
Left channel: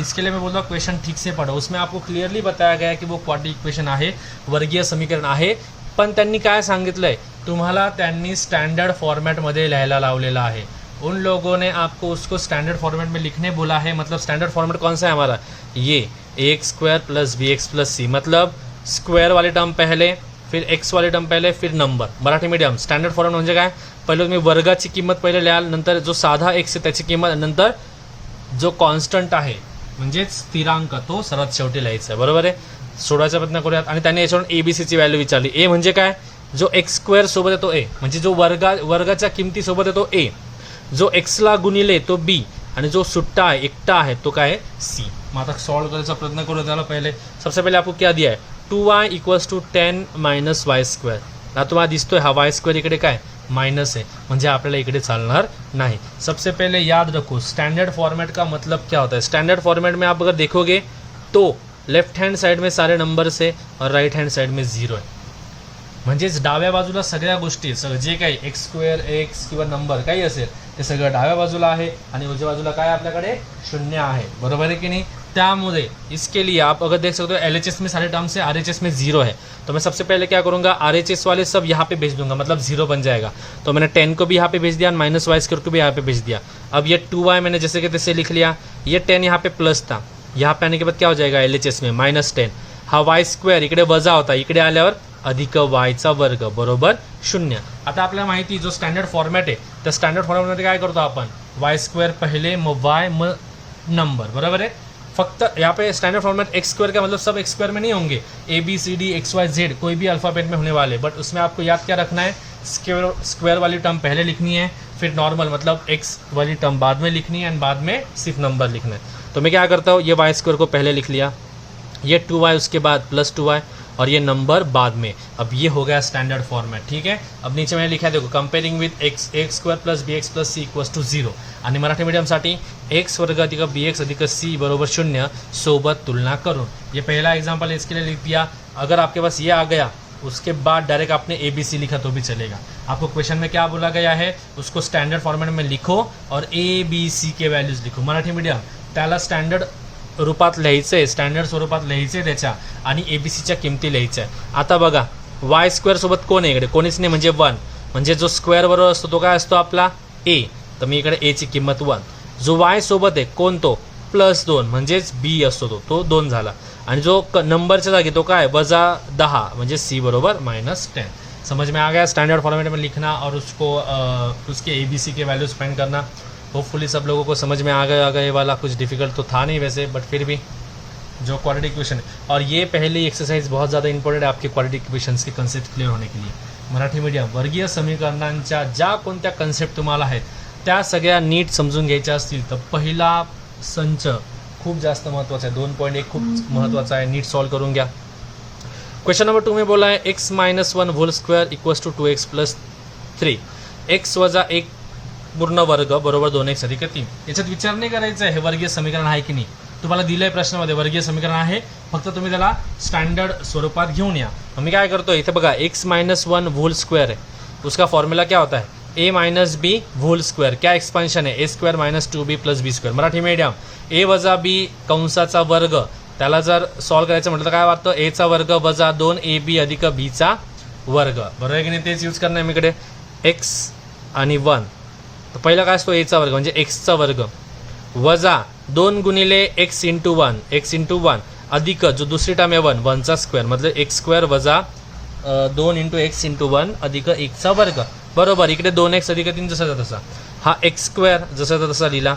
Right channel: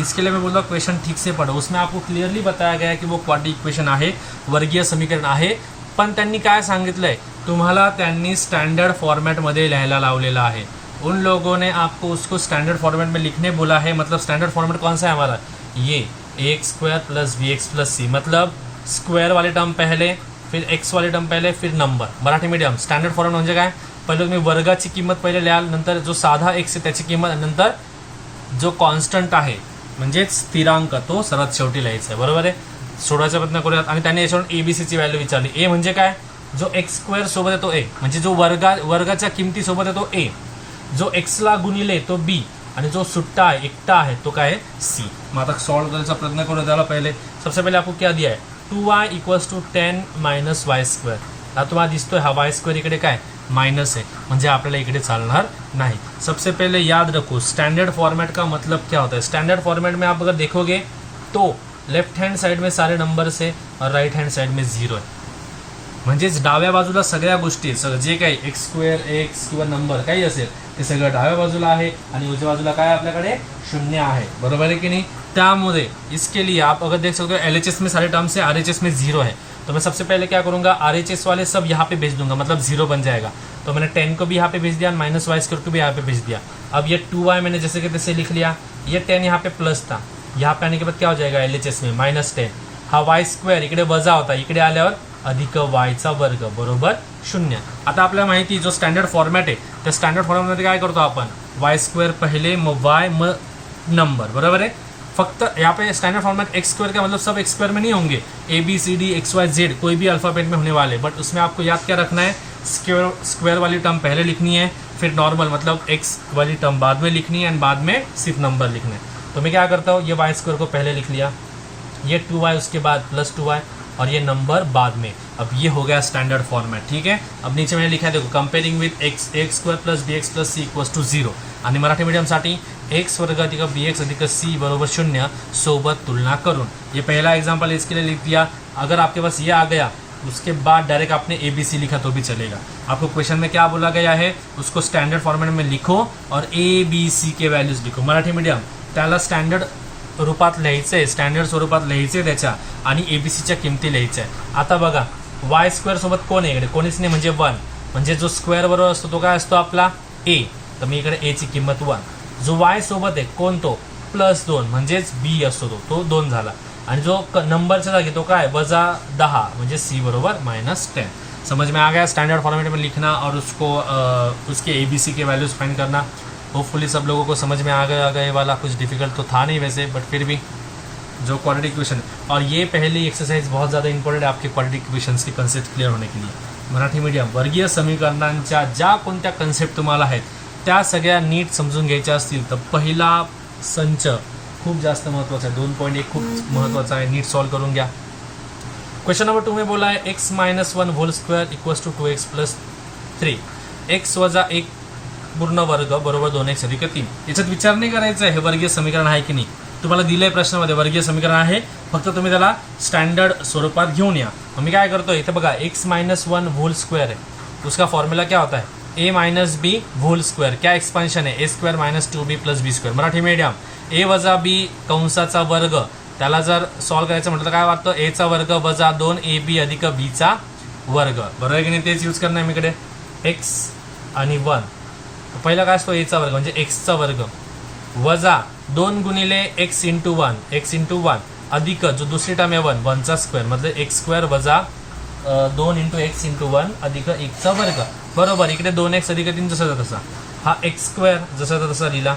इसके लिए मैं बोल रहा हूँ क्वेश्चन ठीक से पढ़ो. उसमें आपको क्लिअरली बताया गया है की वो क्वाड्रेटिक इक्वेशन आहे, वर्गीय समीकरण आहे. पण त्यांनी काय सांगितलंय, तुम्हाला त्यांनी स्टैंडर्ड फॉर्मेट में लिहायला लावलेला आहे. उन लोगों ने आपको उसको स्टैंडर्ड फॉर्मेट में लिखने बोला है. मतलब स्टैंडर्ड फॉर्मेट कौन सा है हमारा, ये ax² + bx + c. मतलब स्क्वेअर वाले टर्म पहले, फिर एक्स वाले टर्म पहले, फिर number. Marathi medium standard format म्हणजे काय, पहिले तुम्ही वर्गाची किंमत पहिले लिहाल, नंतर जो साधा एक्स आहे त्याची किंमत, नंतर जो कॉन्स्टंट आहे म्हणजेच स्थिरांक तो सर्वात शेवटी लिहायचा आहे. बरोबर आहे. सोडवायचा प्रयत्न करूयात. आणि त्यांनी याच्यावरून एबीसीची व्हॅल्यू विचारली. ए म्हणजे काय, जो x² सोबत आहे तो ए, म्हणजे जो वर्गाच्या किमतीसोबत आहे तो ए, जो एक्सला गुणिले तो बी, आणि जो सुट्टा आहे एकटा आहे तो काय आहे सी. मग आता सॉल्व करायचा प्रयत्न करू. त्याला पहिले सबसे पहले आपको क्या दिया है, 2y = 10 - y². आता तुम्हाला दिसतोय हा y² इकडे काय माइनस है, म्हणजे आपल्याला इकडे चालणार नाही. सबसे पहले याद रखो स्टैंडर्ड फॉर्मेट का मतलब क्या होता है. स्टैंडर्ड फॉर्मेट में आप अगर देखोगे तो लेफ्ट हैंड साइड में सारे नंबर्स है और राइट हैंड साइड में 0 है. म्हणजेच डाव्या बाजूला सगळ्या गोष्टी, सगळं जे काही x² एक्स किंवा नंबर काही असेल ते सगळं डाव्या बाजूला आहे, आणि उजव्या बाजूला काय आपल्याकडे 0 आहे. बरोबर है कि नहीं. त्यामुळे इसके लिए आप अगर देख सकते हो LHS में सारे टर्म्स है, RHS में 0 है. तो मैं सबसे पहले क्या करूंगा, RHS वाले सब यहाँ पे भेज दूंगा, मतलब 0 बन जाएगा. तो मैंने 10 को भी यहाँ पे भेज दिया, -y² को भी यहाँ पे भेज दिया. अब ये 2y मैंने जैसे कि तैसे लिख लिया. ये 10 यहाँ पे प्लस था, यहाँ पे आने के बाद क्या हो जाएगा LHS में -10. हा y² इकडे वजा होता, इकडे आल्यावर अधिक y² बरोबर 0. आता आपल्याला माहिती जो स्टँडर्ड फॉर्मॅट आहे त्या स्टँडर्ड फॉर्मॅटमध्ये काय करतो आपण, y² पहले मग y मग नंबर. बरोबर है. फक्त यहाँ पे स्टैंडर्ड फॉर्मेट x² का मतलब सब x² में नहीं होंगे, ABCD XYZ कोई भी अल्फ़ाबेट में होने वाले. बट उसमें आपको याद क्या रखना है, स्क्वायर वाली टर्म पहले लिखनी है, फिर नॉर्मल मतलब x वाली टर्म बाद में लिखनी है, एंड बाद में सिर्फ नंबर लिखना है. तो मैं क्या करता हूँ, ये y² को पहले लिख लिया, ये 2y उसके बाद +2y, और ये नंबर बाद में. अब ये हो गया स्टैंडर्ड फॉर्मेट. ठीक है. अब नीचे मैंने लिखा है देखो, comparing with ax² + bx + c = 0. आणि मराठी मीडियमसाठी x² + bx + c = 0 सोबत तुलना करूँ. ये पहला एग्जाम्पल इसके लिए लिख दिया. अगर आपके पास ये आ गया उसके बाद डायरेक्ट आपने ABC लिखा तो भी चलेगा. आपको क्वेश्चन में क्या बोला गया है, उसको स्टैंडर्ड फॉर्मेट में लिखो और ABC के वैल्यूज लिखो. मराठी मीडियम त्याला स्टँडर्ड रूपात लिहायचं आहे, स्टँडर्ड स्वरूपात लिहायचं आहे त्याच्या, आणि ABCच्या किमती लिहायच्या आहे. आता बघा y² सोबत कोण आहे इकडे, कोणीच नाही, म्हणजे 1. म्हणजे जो स्क्वेअर बरोबर असतो तो काय असतो आपला a. तर मी इकडे a ची किंमत 1. जो y सोबत आहे कोण तो +2, म्हणजेच b असतो तो 2 झाला. आणि जो नंबरच्या जागी तो काय -10, म्हणजे c बरोबर -10. समझ में आ गया. स्टैंडर्ड फॉर्मेट में लिखना और उसको उसके ABC के वैल्यूज फाइंड करना. होपफुली सब लोगों को समझ में आ गया. ये वाला कुछ डिफिकल्ट तो था नहीं वैसे, बट फिर भी जो क्वाड्रेटिक इक्वेशन, और ये पहली एक्सरसाइज बहुत ज़्यादा इंपॉर्टेंट है आपके क्वाड्रेटिक इक्वेशन्स के कन्सेप्ट क्लियर होने के लिए. मराठी मीडियम वर्गीय समीकरणांच्या ज्या कोणत्या कन्सेप्ट तुम्हाला आहेत त्या सगळ्या नीट समजून घ्यायच्या असतील तर पहिला संच खूप जास्त महत्त्वाचा आहे. 2.1 खूप महत्त्वाचा आहे, नीट सॉल्व करून घ्या. क्वेश्चन नंबर 2 में बोला है x - 1² = 2x + 3. x - 1 पूर्ण वर्ग बरोबर 2x + 3. याच्यात विचार नाही करायचा आहे हे वर्गीय समीकरण आहे की नाही. तुम्हाला दिलंय प्रश्नामध्ये वर्गीय समीकरण आहे, फक्त तुम्ही त्याला स्टँडर्ड स्वरूपात घेऊन या. मी काय करतो इथे बघा, x - 1² है, उसका फॉर्मूला क्या होता है a - b² क्या एक्सपांशन है a² - 2b + b². Marathi medium a - b कंसाचा वर्ग, त्याला जर सॉल्व करायचं म्हटलं तर काय वाटतं, a चा वर्ग - 2ab + b चा वर्ग. बरोबर आहे की नाही. तेच यूज करणार मी इकडे x आणि 1. तर पहिला काय असतो a चा वर्ग म्हणजे x चा वर्ग वजा 2 गुणिले x × 1 x × 1 अधिक जो दुसरी टर्म आहे 1 चा स्क्वेअर, मतलब x² वजा 2 × x × 1 अधिक 1 चा वर्ग. बरोबर. इकडे 2x अधिक 3 जसा तसा, हा x² जसा तसा लिहिला.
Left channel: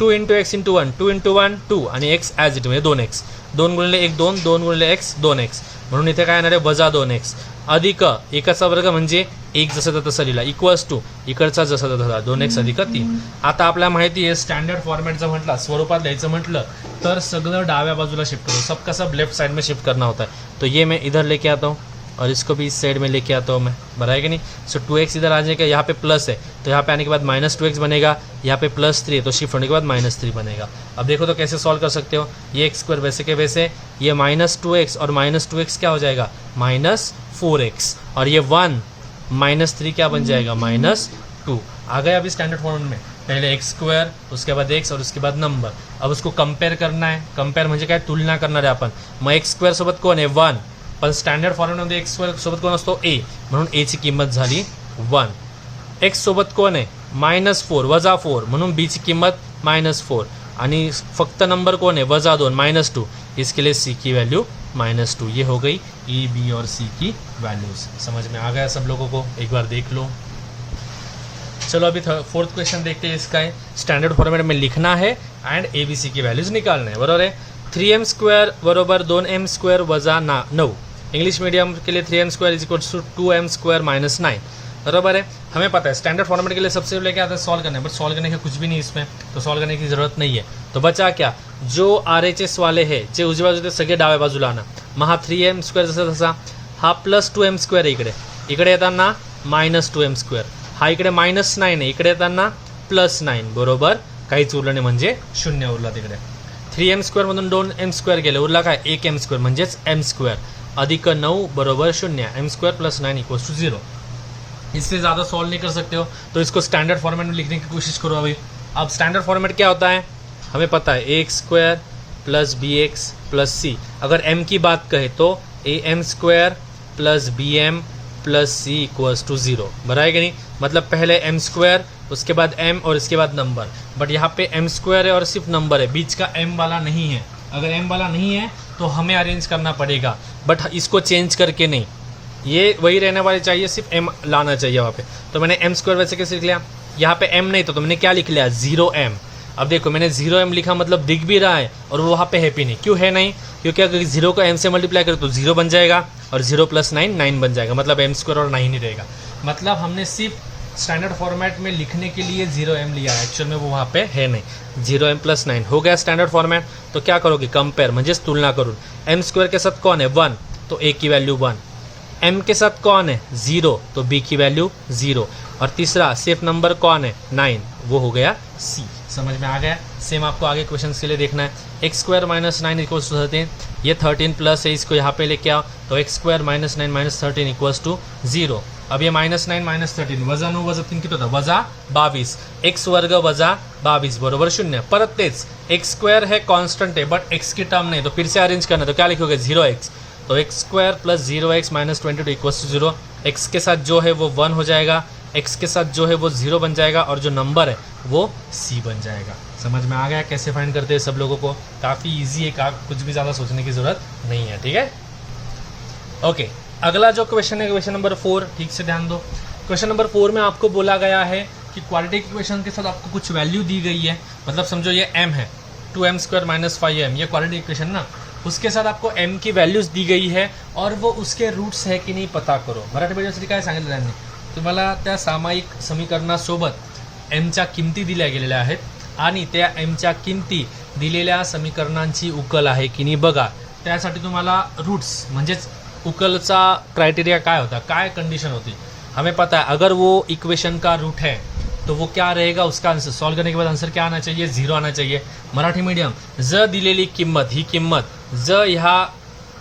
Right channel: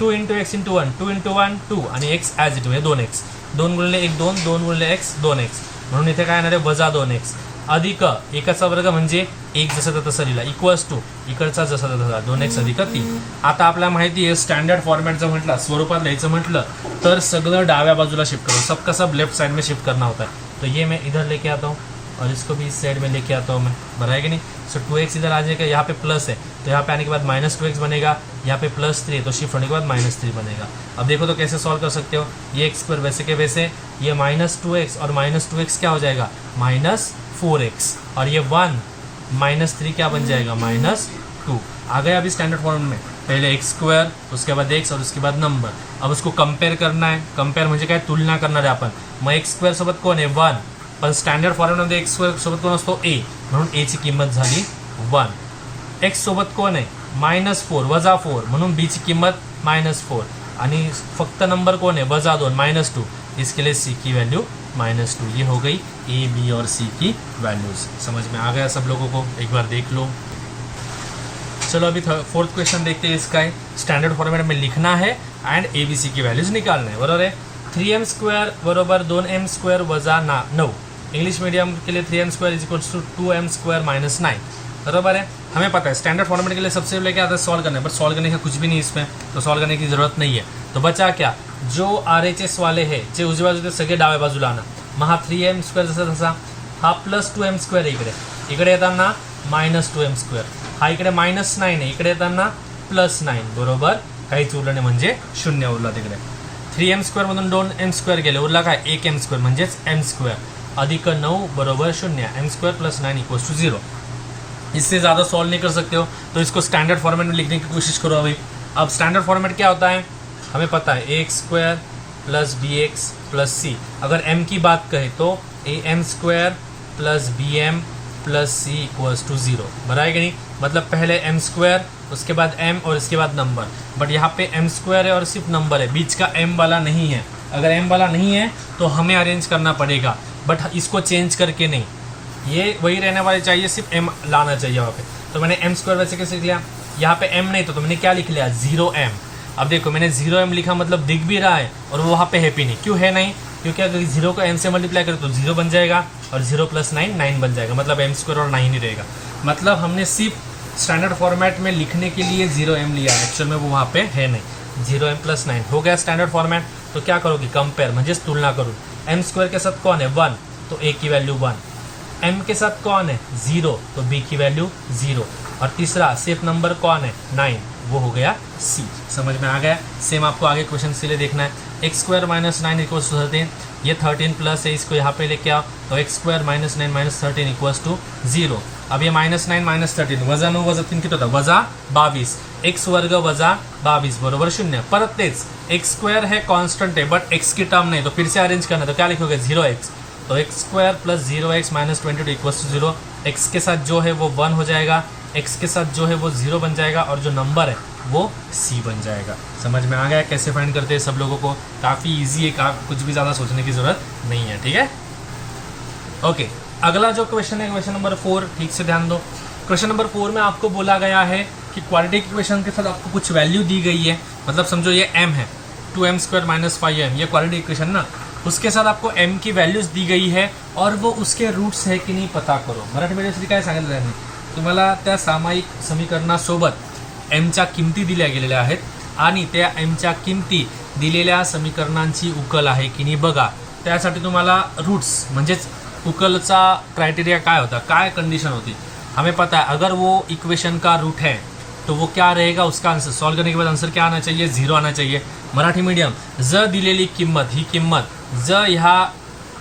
2 × x × 1 2 × 1 2 आणि x ॲज इट म्हणजे 2x. 2 गुणिले 1 2 2 गुणिले x 2x, म्हणून इथे काय येणार आहे वजा 2x अधिक 1चा वर्ग म्हणजे 1 जसं तसं लिहिला इक्वल्स टू इकडचा जसा तसा 2x अधिक 3. आता आपल्याला माहिती आहे स्टँडर्ड फॉर्मेटचं म्हटलं स्वरूपात लिहायचं म्हटलं तर सगळं डाव्या बाजूला शिफ्ट करो, सबका सब लेफ्ट साइड में शिफ्ट करना होता है. तो ये मैं इधर लेके आता हूँ और इसको भी इस साइड में लेके आता हूँ मैं. बराबर है कि नहीं. सो 2x इधर आ जाएगा, यहाँ पे प्लस है तो यहाँ पे आने के बाद -2x बनेगा, यहाँ पे +3 है तो शिफ्ट होने के बाद -3 बनेगा. अब देखो तो कैसे सॉल्व कर सकते हो, ये x² वैसे के वैसे, ये -2x और -2x क्या हो जाएगा -4x, और ये 1 -3 क्या बन जाएगा -2. आ गया अभी स्टैंडर्ड फॉर्म में, पहले एक्स स्क्वायर, उसके बाद एक्स और उसके बाद नंबर. अब उसको कंपेअर करना आहे. कंपेअर म्हणजे काय, तुलना करणार आहे आपण. मग एक्स स्क्वेअर सोबत कोण आहे 1, पण स्टँडर्ड फॉर्ममध्ये एक्स स्क्वेअर सोबत कोण असतो ए, म्हणून ए ची किंमत झाली 1. एक्स सोबत कोण आहे -4 वजा 4, म्हणून बी ची किंमत -4 आणि फक्त नंबर कौन है -2 -2, इसके लिए सी की वैल्यू -2. ये हो गई ए बी और सी की वैल्यूज. समझ में आ गया सब लोगों को, एक बार देख लो. चलो अभी फोर्थ क्वेश्चन देखते हैं. इसका है स्टैंडर्ड फॉर्मेट में लिखना है एंड ए बी सी की वैल्यूज निकालना है. बराबर है. 3m² बरोबर 2m² वजा 9. इंग्लिश मीडियम के लिए 3m² is equals to 2m² -9. बराबर है. हमें पता है स्टैंडर्ड फॉर्मेट के लिए सबसे पहले क्या आता है, सॉल्व करना है, बट सॉल्व करने का कुछ भी नहीं इसमें, तो सॉल्व करने की जरूरत नहीं है. तो बचा क्या, जो RHS वाले है जे उजव्या बाजूला सगळे डाव्या बाजूला आणा. मग हा 3m² जसा तसा, हा +2m² इकडे येताना -2m², हा इकडे -9 आहे, इकडे येताना +9, बरोबर काहीच उरलं नाही म्हणजे 0 उरला तिकडे. 3m² मधून 2m² गेले, उरला काय 1m² म्हणजेच m² अधिक 9 बरोबर 0. m² + 9 = 0. इससे ज़्यादा सॉल्व नहीं कर सकते हो, तो इसको स्टैंडर्ड फॉर्मेट में लिखने की कोशिश करो. अभी अब स्टैंडर्ड फॉर्मेट क्या होता है हमें पता है, ax² + bx + c. अगर m की बात कहें तो am² + bm + c = 0. बराबर है कि नहीं, मतलब पहले m², उसके बाद m और इसके बाद नंबर. बट यहाँ पे m² है और सिर्फ नंबर है, बीच का m वाला नहीं है. अगर m वाला नहीं है तो हमें अरेंज करना पड़ेगा, बट इसको चेंज करके नहीं, ये वही रहने वाले चाहिए, सिर्फ m लाना चाहिए वहाँ पे. तो मैंने m² वैसे कैसे लिख लिया, यहाँ पे m नहीं तो मैंने क्या लिख लिया 0m. अब देखो मैंने 0m लिखा, मतलब दिख भी रहा है और वहाँ पे हैप्पी नहीं. क्यों है नहीं, क्योंकि अगर 0 को m से मल्टीप्लाई करें तो 0 बन जाएगा और 0 + 9 9 बन जाएगा, मतलब m² और 9 ही रहेगा. मतलब हमने सिर्फ स्टैंडर्ड फॉर्मेट में लिखने के लिए 0m लिया, एक्चुअल में वो वहाँ पे है नहीं. 0m + 9 हो गया स्टैंडर्ड फॉर्मेट. तो क्या करोगे, कंपेयर म्हणजे तुलना करूँ. m² के साथ कौन है 1, तो a की वैल्यू 1. m के साथ कौन है 0, तो b की वैल्यू 0. और तीसरा सिर्फ नंबर कौन है 9, वो हो गया c. समझ में आ गया. सेम आपको आगे क्वेश्चन के लिए देखना है. x² - 9 = 13. ये 13 प्लस है, इसको यहाँ पे लेके आओ, तो x² - 9 - 13 = 0. अब ये -9 - 13 वजा 9 वजा 3 किती होतं वजा 22. x² वजा 22 बरोबर 0. परत तेच x² है कॉन्स्टेंट है, बट x की टर्म नहीं, तो फिर से अरेंज करना. तो क्या लिखोगे 0x, तो x² + 0x - 22 = 0. x के साथ जो है वो 1 हो जाएगा, x के साथ जो है वो 0 बन जाएगा, और जो नंबर है वो c बन जाएगा. समझ में आ गया कैसे फाइंड करते हैं सब लोगों को. काफ़ी इजी है, कुछ भी ज़्यादा सोचने की ज़रूरत नहीं है. ठीक है, ओके. अगला जो क्वेश्चन है क्वेश्चन नंबर 4, ठीक से ध्यान दो. क्वेश्चन नंबर 4 में आपको बोला गया है कि क्वाड्रेटिक इक्वेशन के साथ आपको कुछ वैल्यू दी गई है. मतलब समझो ये m है 2m² - 5m, ये क्वाड्रेटिक इक्वेशन ना, उसके साथ आपको m की वैल्यूज दी गई है और वो उसके रूट्स है की नाही पता करो. मराठी मीडियमसाठी काय सांगितलं त्यांनी, तुम्हाला त्या सामायिक समीकरणासोबत mच्या किमती दिल्या गेलेल्या आहेत आणि त्या mच्या किमती दिलेल्या समीकरणांची उकल आहे की नाही बघा. त्यासाठी तुम्हाला रूट्स म्हणजेच उकलचा क्राइटेरिया काय होता, काय कंडीशन होती, हमें पता है. अगर वो इक्वेशन का रूट है तो वो क्या रहेगा, उसका आंसर सॉल्व करने के बाद आंसर क्या आना चाहिए 0 आना चाहिए. मराठी मीडियम ज दिलेली किंमत, ही किंमत ज ह्या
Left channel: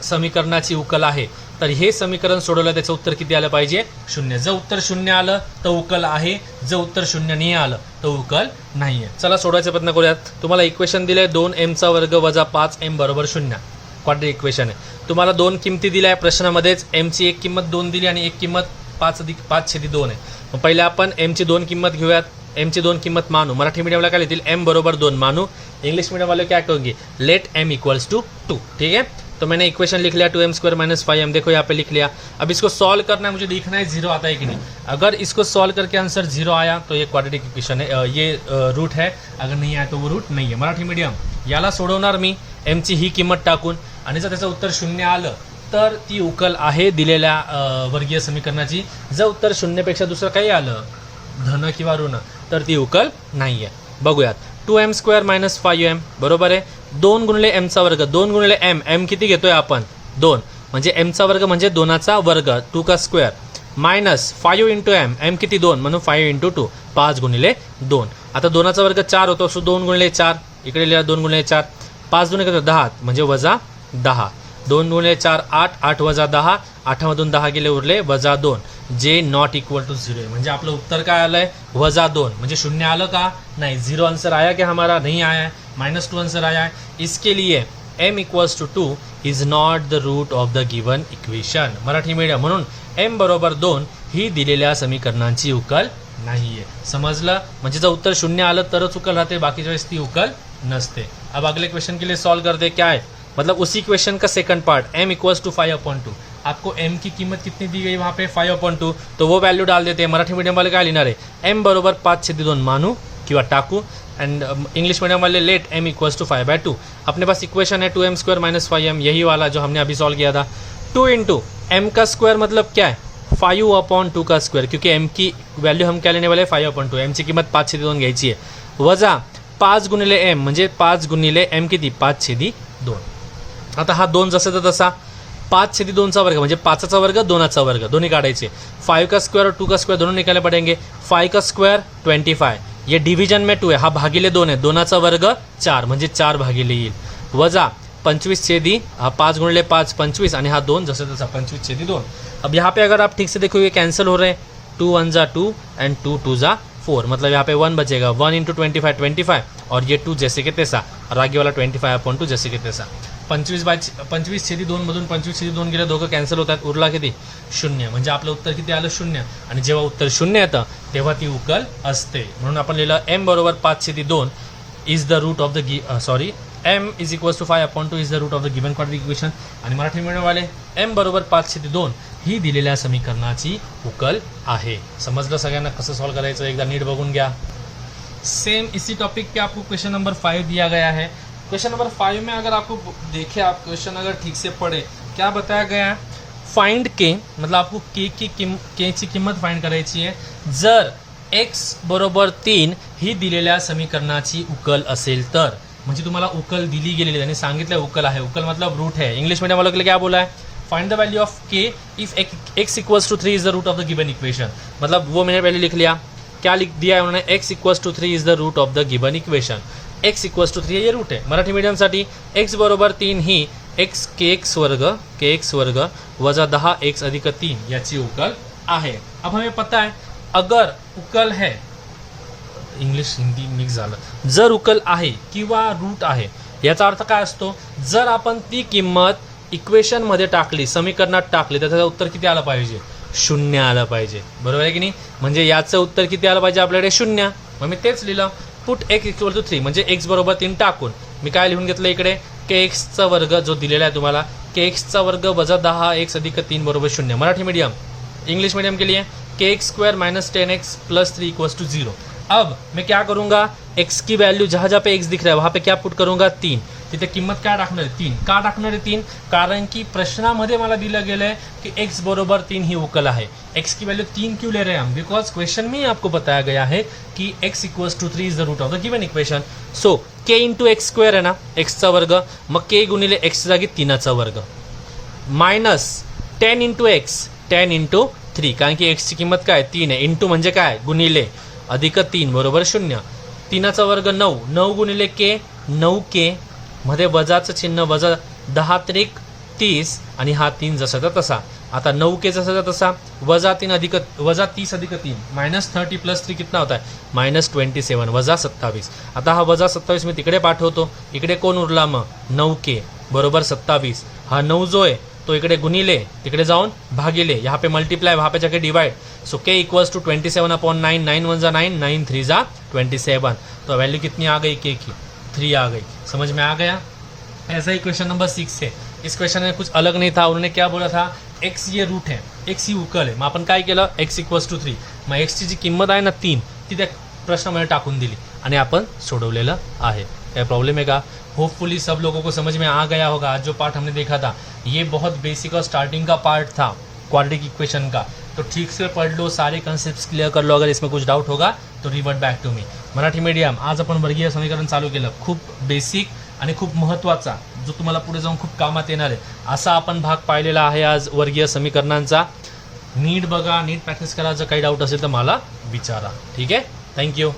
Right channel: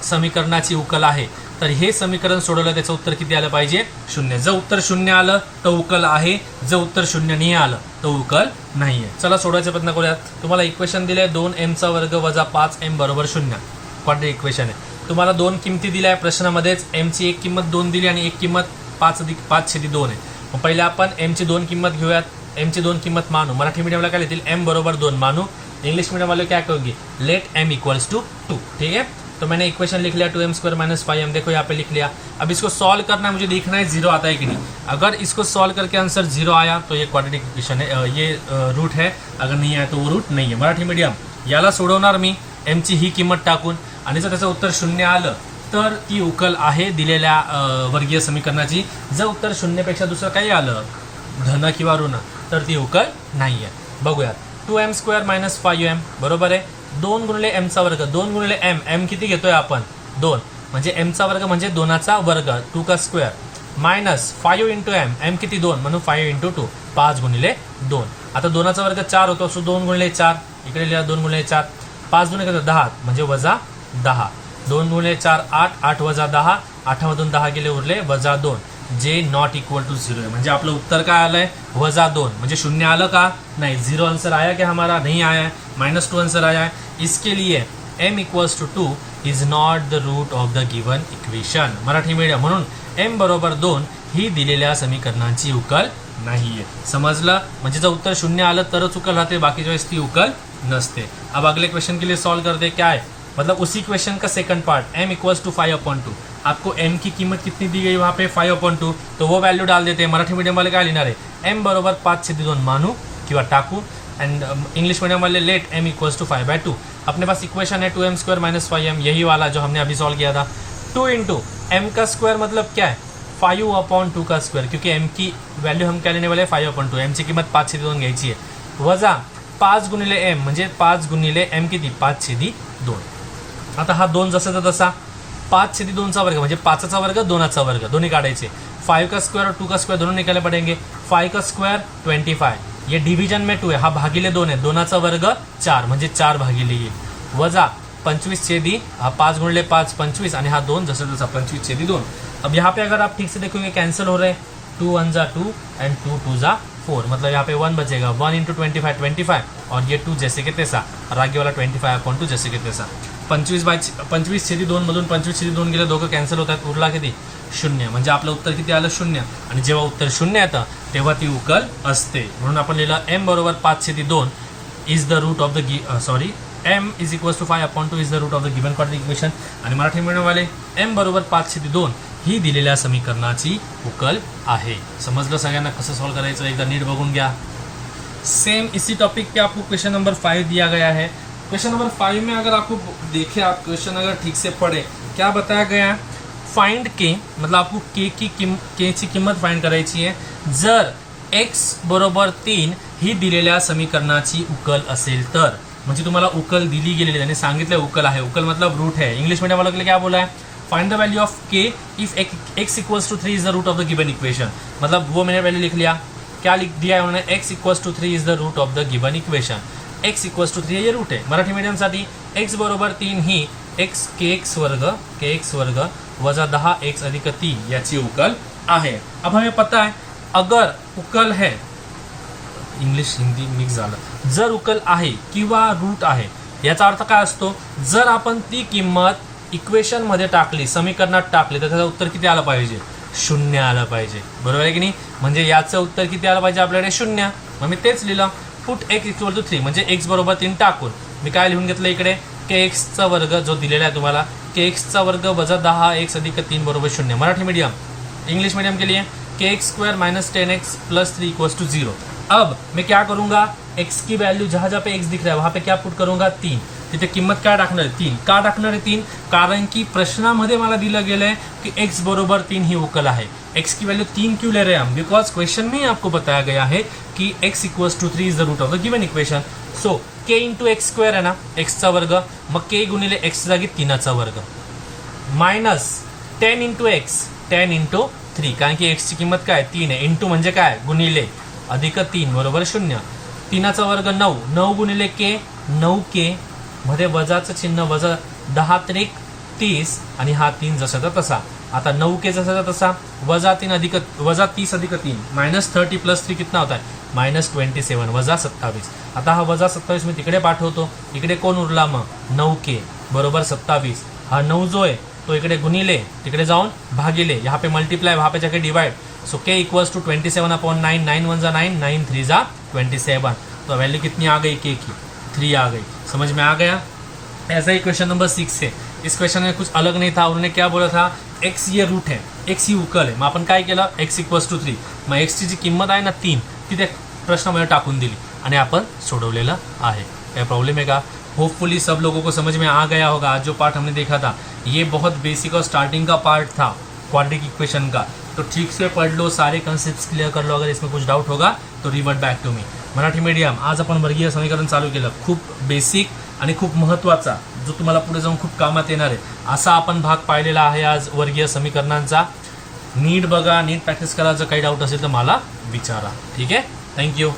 समीकरणाची उकल आहे, तर हे समीकरण सोडवलं त्याचं उत्तर किती आलं पाहिजे 0. जर उत्तर 0 आलं तर उकल आहे, जर उत्तर 0 नाही आलं तर उकल नाही आहे. चला सोडवायचा प्रयत्न करूयात. तुम्हाला इक्वेशन दिलंय 2m² वजा 5m बरोबर 0. क्वाड्रेटिक इक्वेशन आहे. तुम्हाला 2 किमती दिल्या आहे प्रश्नामध्येच. mची एक किंमत 2 दिली आणि एक किंमत 5+5/2 आहे. मग पहिले आपण mची 2 किंमत घेऊयात. mची 2 किंमत मानू. मराठी मीडियमला काय लिहितील m बरोबर 2 मानू. इंग्लिश मीडियम वाले क्या कहोगे, लेट m = 2. ठीक है, तो मैंने इक्वेशन लिख लिया 2m² - 5m. देखो यहाँ पे लिख लिया. अब इसको सॉल्व करना है, मुझे देखना है 0 आता है कि नहीं. अगर इसको सॉल्व करके आंसर 0 आया तो ये क्वाड्रेटिक इक्वेशन है, ये रूट है. अगर नहीं आया तो वो रूट नहीं है. मराठी मीडियम याला सोडवणार मी mची ही किंमत टाकून, आणि जर त्याचं उत्तर 0 आलं तर ती उकल आहे दिलेल्या वर्गीय समीकरणाची. जर उत्तर 0 पेक्षा दुसरं काही आलं धन किंवा ऋण तर ती उकल नाही आहे. बघूयात. 2m² - 5m बरोबर आहे 2 × mचा वर्ग, 2 × m किती घेतोय आपण 2, म्हणजे mचा वर्ग म्हणजे 2चा वर्ग 2 का स्क्वेअर मायनस 5 × m किती 2 म्हणून 5 × 2 5 × 2. आता 2चा वर्ग 4 होतो, सो 2 × 4 इकडे लिहा 2 × 4 5 2 किती 10 म्हणजे वजा 10. 2 × 4 8, 8 वजा 10, 8मधून 10 गेले उरले वजा 2. जे नॉट इक्वल टू 0 है, म्हणजे आपलं उत्तर काय आलंय -2, म्हणजे 0 आलं का नहीं, 0 आंसर आया क्या हमारा, नहीं आया है, -2 आंसर आया है. इसके लिए m equals to 2 is not the root of the given equation. Marathi medium, म्हणून m बरोबर 2 ही दिलेल्या समीकरणांची उकल नाहीये. समजलं, म्हणजे जर उत्तर 0 आलं तरच उकल राहते, बाकीच्या वेळेस ती उकल नसते. अब अगले क्वेश्चन के लिए सॉल्व कर दे. क्या है, मतलब उसी क्वेश्चन का second part, m equals to 5/2. आपको m की कीमत कितनी दी गई वहाँ पे 5/2, तो वो वैल्यू डाल देते हैं. मराठी मीडियम वाले काय लिहिणार आहे, m बरोबर 5/2 मानू किंवा टाकू, एंड इंग्लिश मीडियम वाले लेट m इक्वल्स टू 5/2. अपने पास इक्वेशन है 2m² - 5m, यही वाला जो हमने अभी सॉल्व किया था. 2 इंटू m का स्क्वायर मतलब क्या है 5/2 का स्क्वायर, क्योंकि m की वैल्यू हम क्या लेने वाले 5/2, m ची किंमत 5/2 घ्यायची आहे, वजा 5 गुणिले m म्हणजे 5 गुणिले m किती 5/2. आता हा 2 जसा तर तसा, 5/2 वर्ग म्हणजे 5चा वर्ग 2चा वर्ग दोन्ही काढायचे. 5 का स्क्वायर और 2 का स्क्वायर दोनों निकालने पड़ेंगे. 5 का स्क्वायर 25, ये डिवीजन में 2 है, हा भागिले 2 है, 2चा वर्ग 4 म्हणजे 4 भागिले येईल, वजा 25/2, हा 5 गुणिले 5 25 आणि हा 2 जसा तसा 25/2. अब यहाँ पे अगर आप ठीक से देखोगे कैंसिल हो रहे हैं, 2 1 जा 2 एंड 2 2 जा 4, मतलब यहाँ पे 1 बचेगा. 1 इंटू 25 25 और ये 2 जैसे के तैसा, और आगे वाला 25/2 जैसे के तैसा. 25/2 मधून 25/2 गेले, दोघं कॅन्सल होतात, उरला किती 0, म्हणजे आपलं उत्तर किती आलं 0. आणि जेव्हा उत्तर 0 येतं तेव्हा ती उकल असते. म्हणून आपण लिहिलं m बरोबर 5/2 is the root of the m is equals to 5/2 is the root of the given quadratic equation. आणि मराठी मिळवणारे m बरोबर 5/2 ही दिलेल्या समीकरणाची उकल आहे. समजलं सगळ्यांना कसं सॉल्व करायचं, एकदा नीट बघून घ्या. सेम इसी टॉपिक पे आपको क्वेश्चन नंबर 5 दिया गया है. क्वेश्चन नंबर 5 में अगर आपको देखे, आप क्वेश्चन अगर ठीक से पढ़े, क्या बताया गया है, फाइंड के, मतलब आपको के ची किंमत फाइंड करायची आहे जर x बरोबर 3 ही दिलेल्या समीकरणाची उकल असेल तर. म्हणजे तुम्हाला उकल दिली गेलेली, त्यांनी सांगितलं उकल आहे, उकल मतलब रूट है. इंग्लिश मीडियम वालों के लिए क्या बोला है, find the value of k if x equals to 3 is the root of the given equation. मतलब वो मैंने वैल्यू लिख लिया, क्या लिख दिया है उन्होंने, x equals to 3 is the root of the given equation. x equals to 3 ये रूट है. मराठी मीडियमसाठी x बरोबर 3 ही kx वर्ग वजा 10x अधिक 3 याची उकल आहे. अब हमें पता है अगर उकल है, इंग्लिश हिंदी मिक्स झालं, जर उकल आहे किंवा रूट आहे याचा अर्थ काय असतो, जर आपण ती किंमत इक्वेशन मध्ये टाकली, समीकरणात टाकली, तर त्याचं उत्तर किती आलं पाहिजे 0 आलं पाहिजे. बरोबर आहे की नाही, म्हणजे याचं उत्तर किती आलं पाहिजे आपल्याकडे 0. मग मी तेच लिहिलं, पुट x इक्वल टू 3 म्हणजे x बरोबर 3 टाकून मी काय लिहून घेतलं इकडे kx वर्ग जो दिलेला आहे तुम्हाला, kx वर्ग वजा 10x अधिक 3 बरोबर 0. मराठी मीडियम, इंग्लिश मीडियम के लिए kx square minus 10x plus 3 equals to 0. अब मैं क्या करूंगा, x की वैल्यू जहाँ जहाँ पे x दिख रहा है वहाँ पे क्या पुट करूंगा 3. तिथे किंमत काय टाकणार आहे 3. का टाकणार आहे 3, कारण की प्रश्नामध्ये मला दिलं गेलं है कि x बरोबर 3 ही उकल है. x की वैल्यू 3 क्यों ले रहे हैं हम, बिकॉज क्वेश्चन में ही आपको बताया गया है कि x equals to 3 is the root of the given equation. So k into x square है ना, x चा वर्ग, मग k गुणिले x जागी 3चा वर्ग, मायनस 10 इंटू एक्स 10 इंटू 3, कारण की x ची किंमत काय 3 आहे, इंटू म्हणजे काय गुणिले, अधिक 3 बरोबर 0. 3चा वर्ग 9, 9 गुणिले k 9k मध्ये वजाचं चिन्ह, वजा 10 त्रिक 30 आणि हा 3 जसा तसा. आता 9k जसा तसा, वजा 3 अधिक वजा 30 अधिक 3 माइनस 30 प्लस 3 कितना होता है -27 वजा 27. आता हा वजा 27 मी तिकडे पाठवतो, इकडे कोण उरला मग 9k बरोबर 27. हा 9 जो आहे तो इकडे गुणिले, तिकडे जाऊन भागिले, यहाँ पे मल्टीप्लाई, वहाँ पे जाके divide. So k equals to 27/9, 9 1 जा 9, 9 3 जा 27. तो वैल्यू कितनी आ गई k की 3 आ गई. समझ में आ गया. ऐसा ही क्वेश्चन नंबर 6 है. इस क्वेश्चन में कुछ अलग नहीं था, उन्होंने क्या बोला था, x ये रूट है, x ही उकल आहे. मग आपण काय केलं, x इक्वल्स टू 3, मग x ची जी किंमत आहे ना 3 ती त्या प्रश्नामध्ये टाकून दिली आणि आपण सोडवलेलं आहे. काय प्रॉब्लेम है का. होपफुली सब लोगों को समझ में आ गया होगा. आज जो पार्ट हमने देखा था ये बहुत बेसिक और स्टार्टिंग का पार्ट था क्वाड्रेटिक इक्वेशन का, तो ठीक से पढ़ लो, सारे कॉन्सेप्ट्स क्लियर कर लो. अगर इसमें कुछ डाउट होगा तो revert back to me. Marathi medium, आज आपण वर्गीय समीकरण चालू केलं, खूप बेसिक आणि खूप महत्त्वाचा, जो तुम्हाला पुढे जाऊन खूप कामात येणार आहे असा आपण भाग पाहिलेला आहे आज वर्गीय समीकरणांचा. नीट बघा, नीट प्रॅक्टिस करा. जर काही डाऊट असेल तर मला विचारा. ठीक आहे, थँक्यू.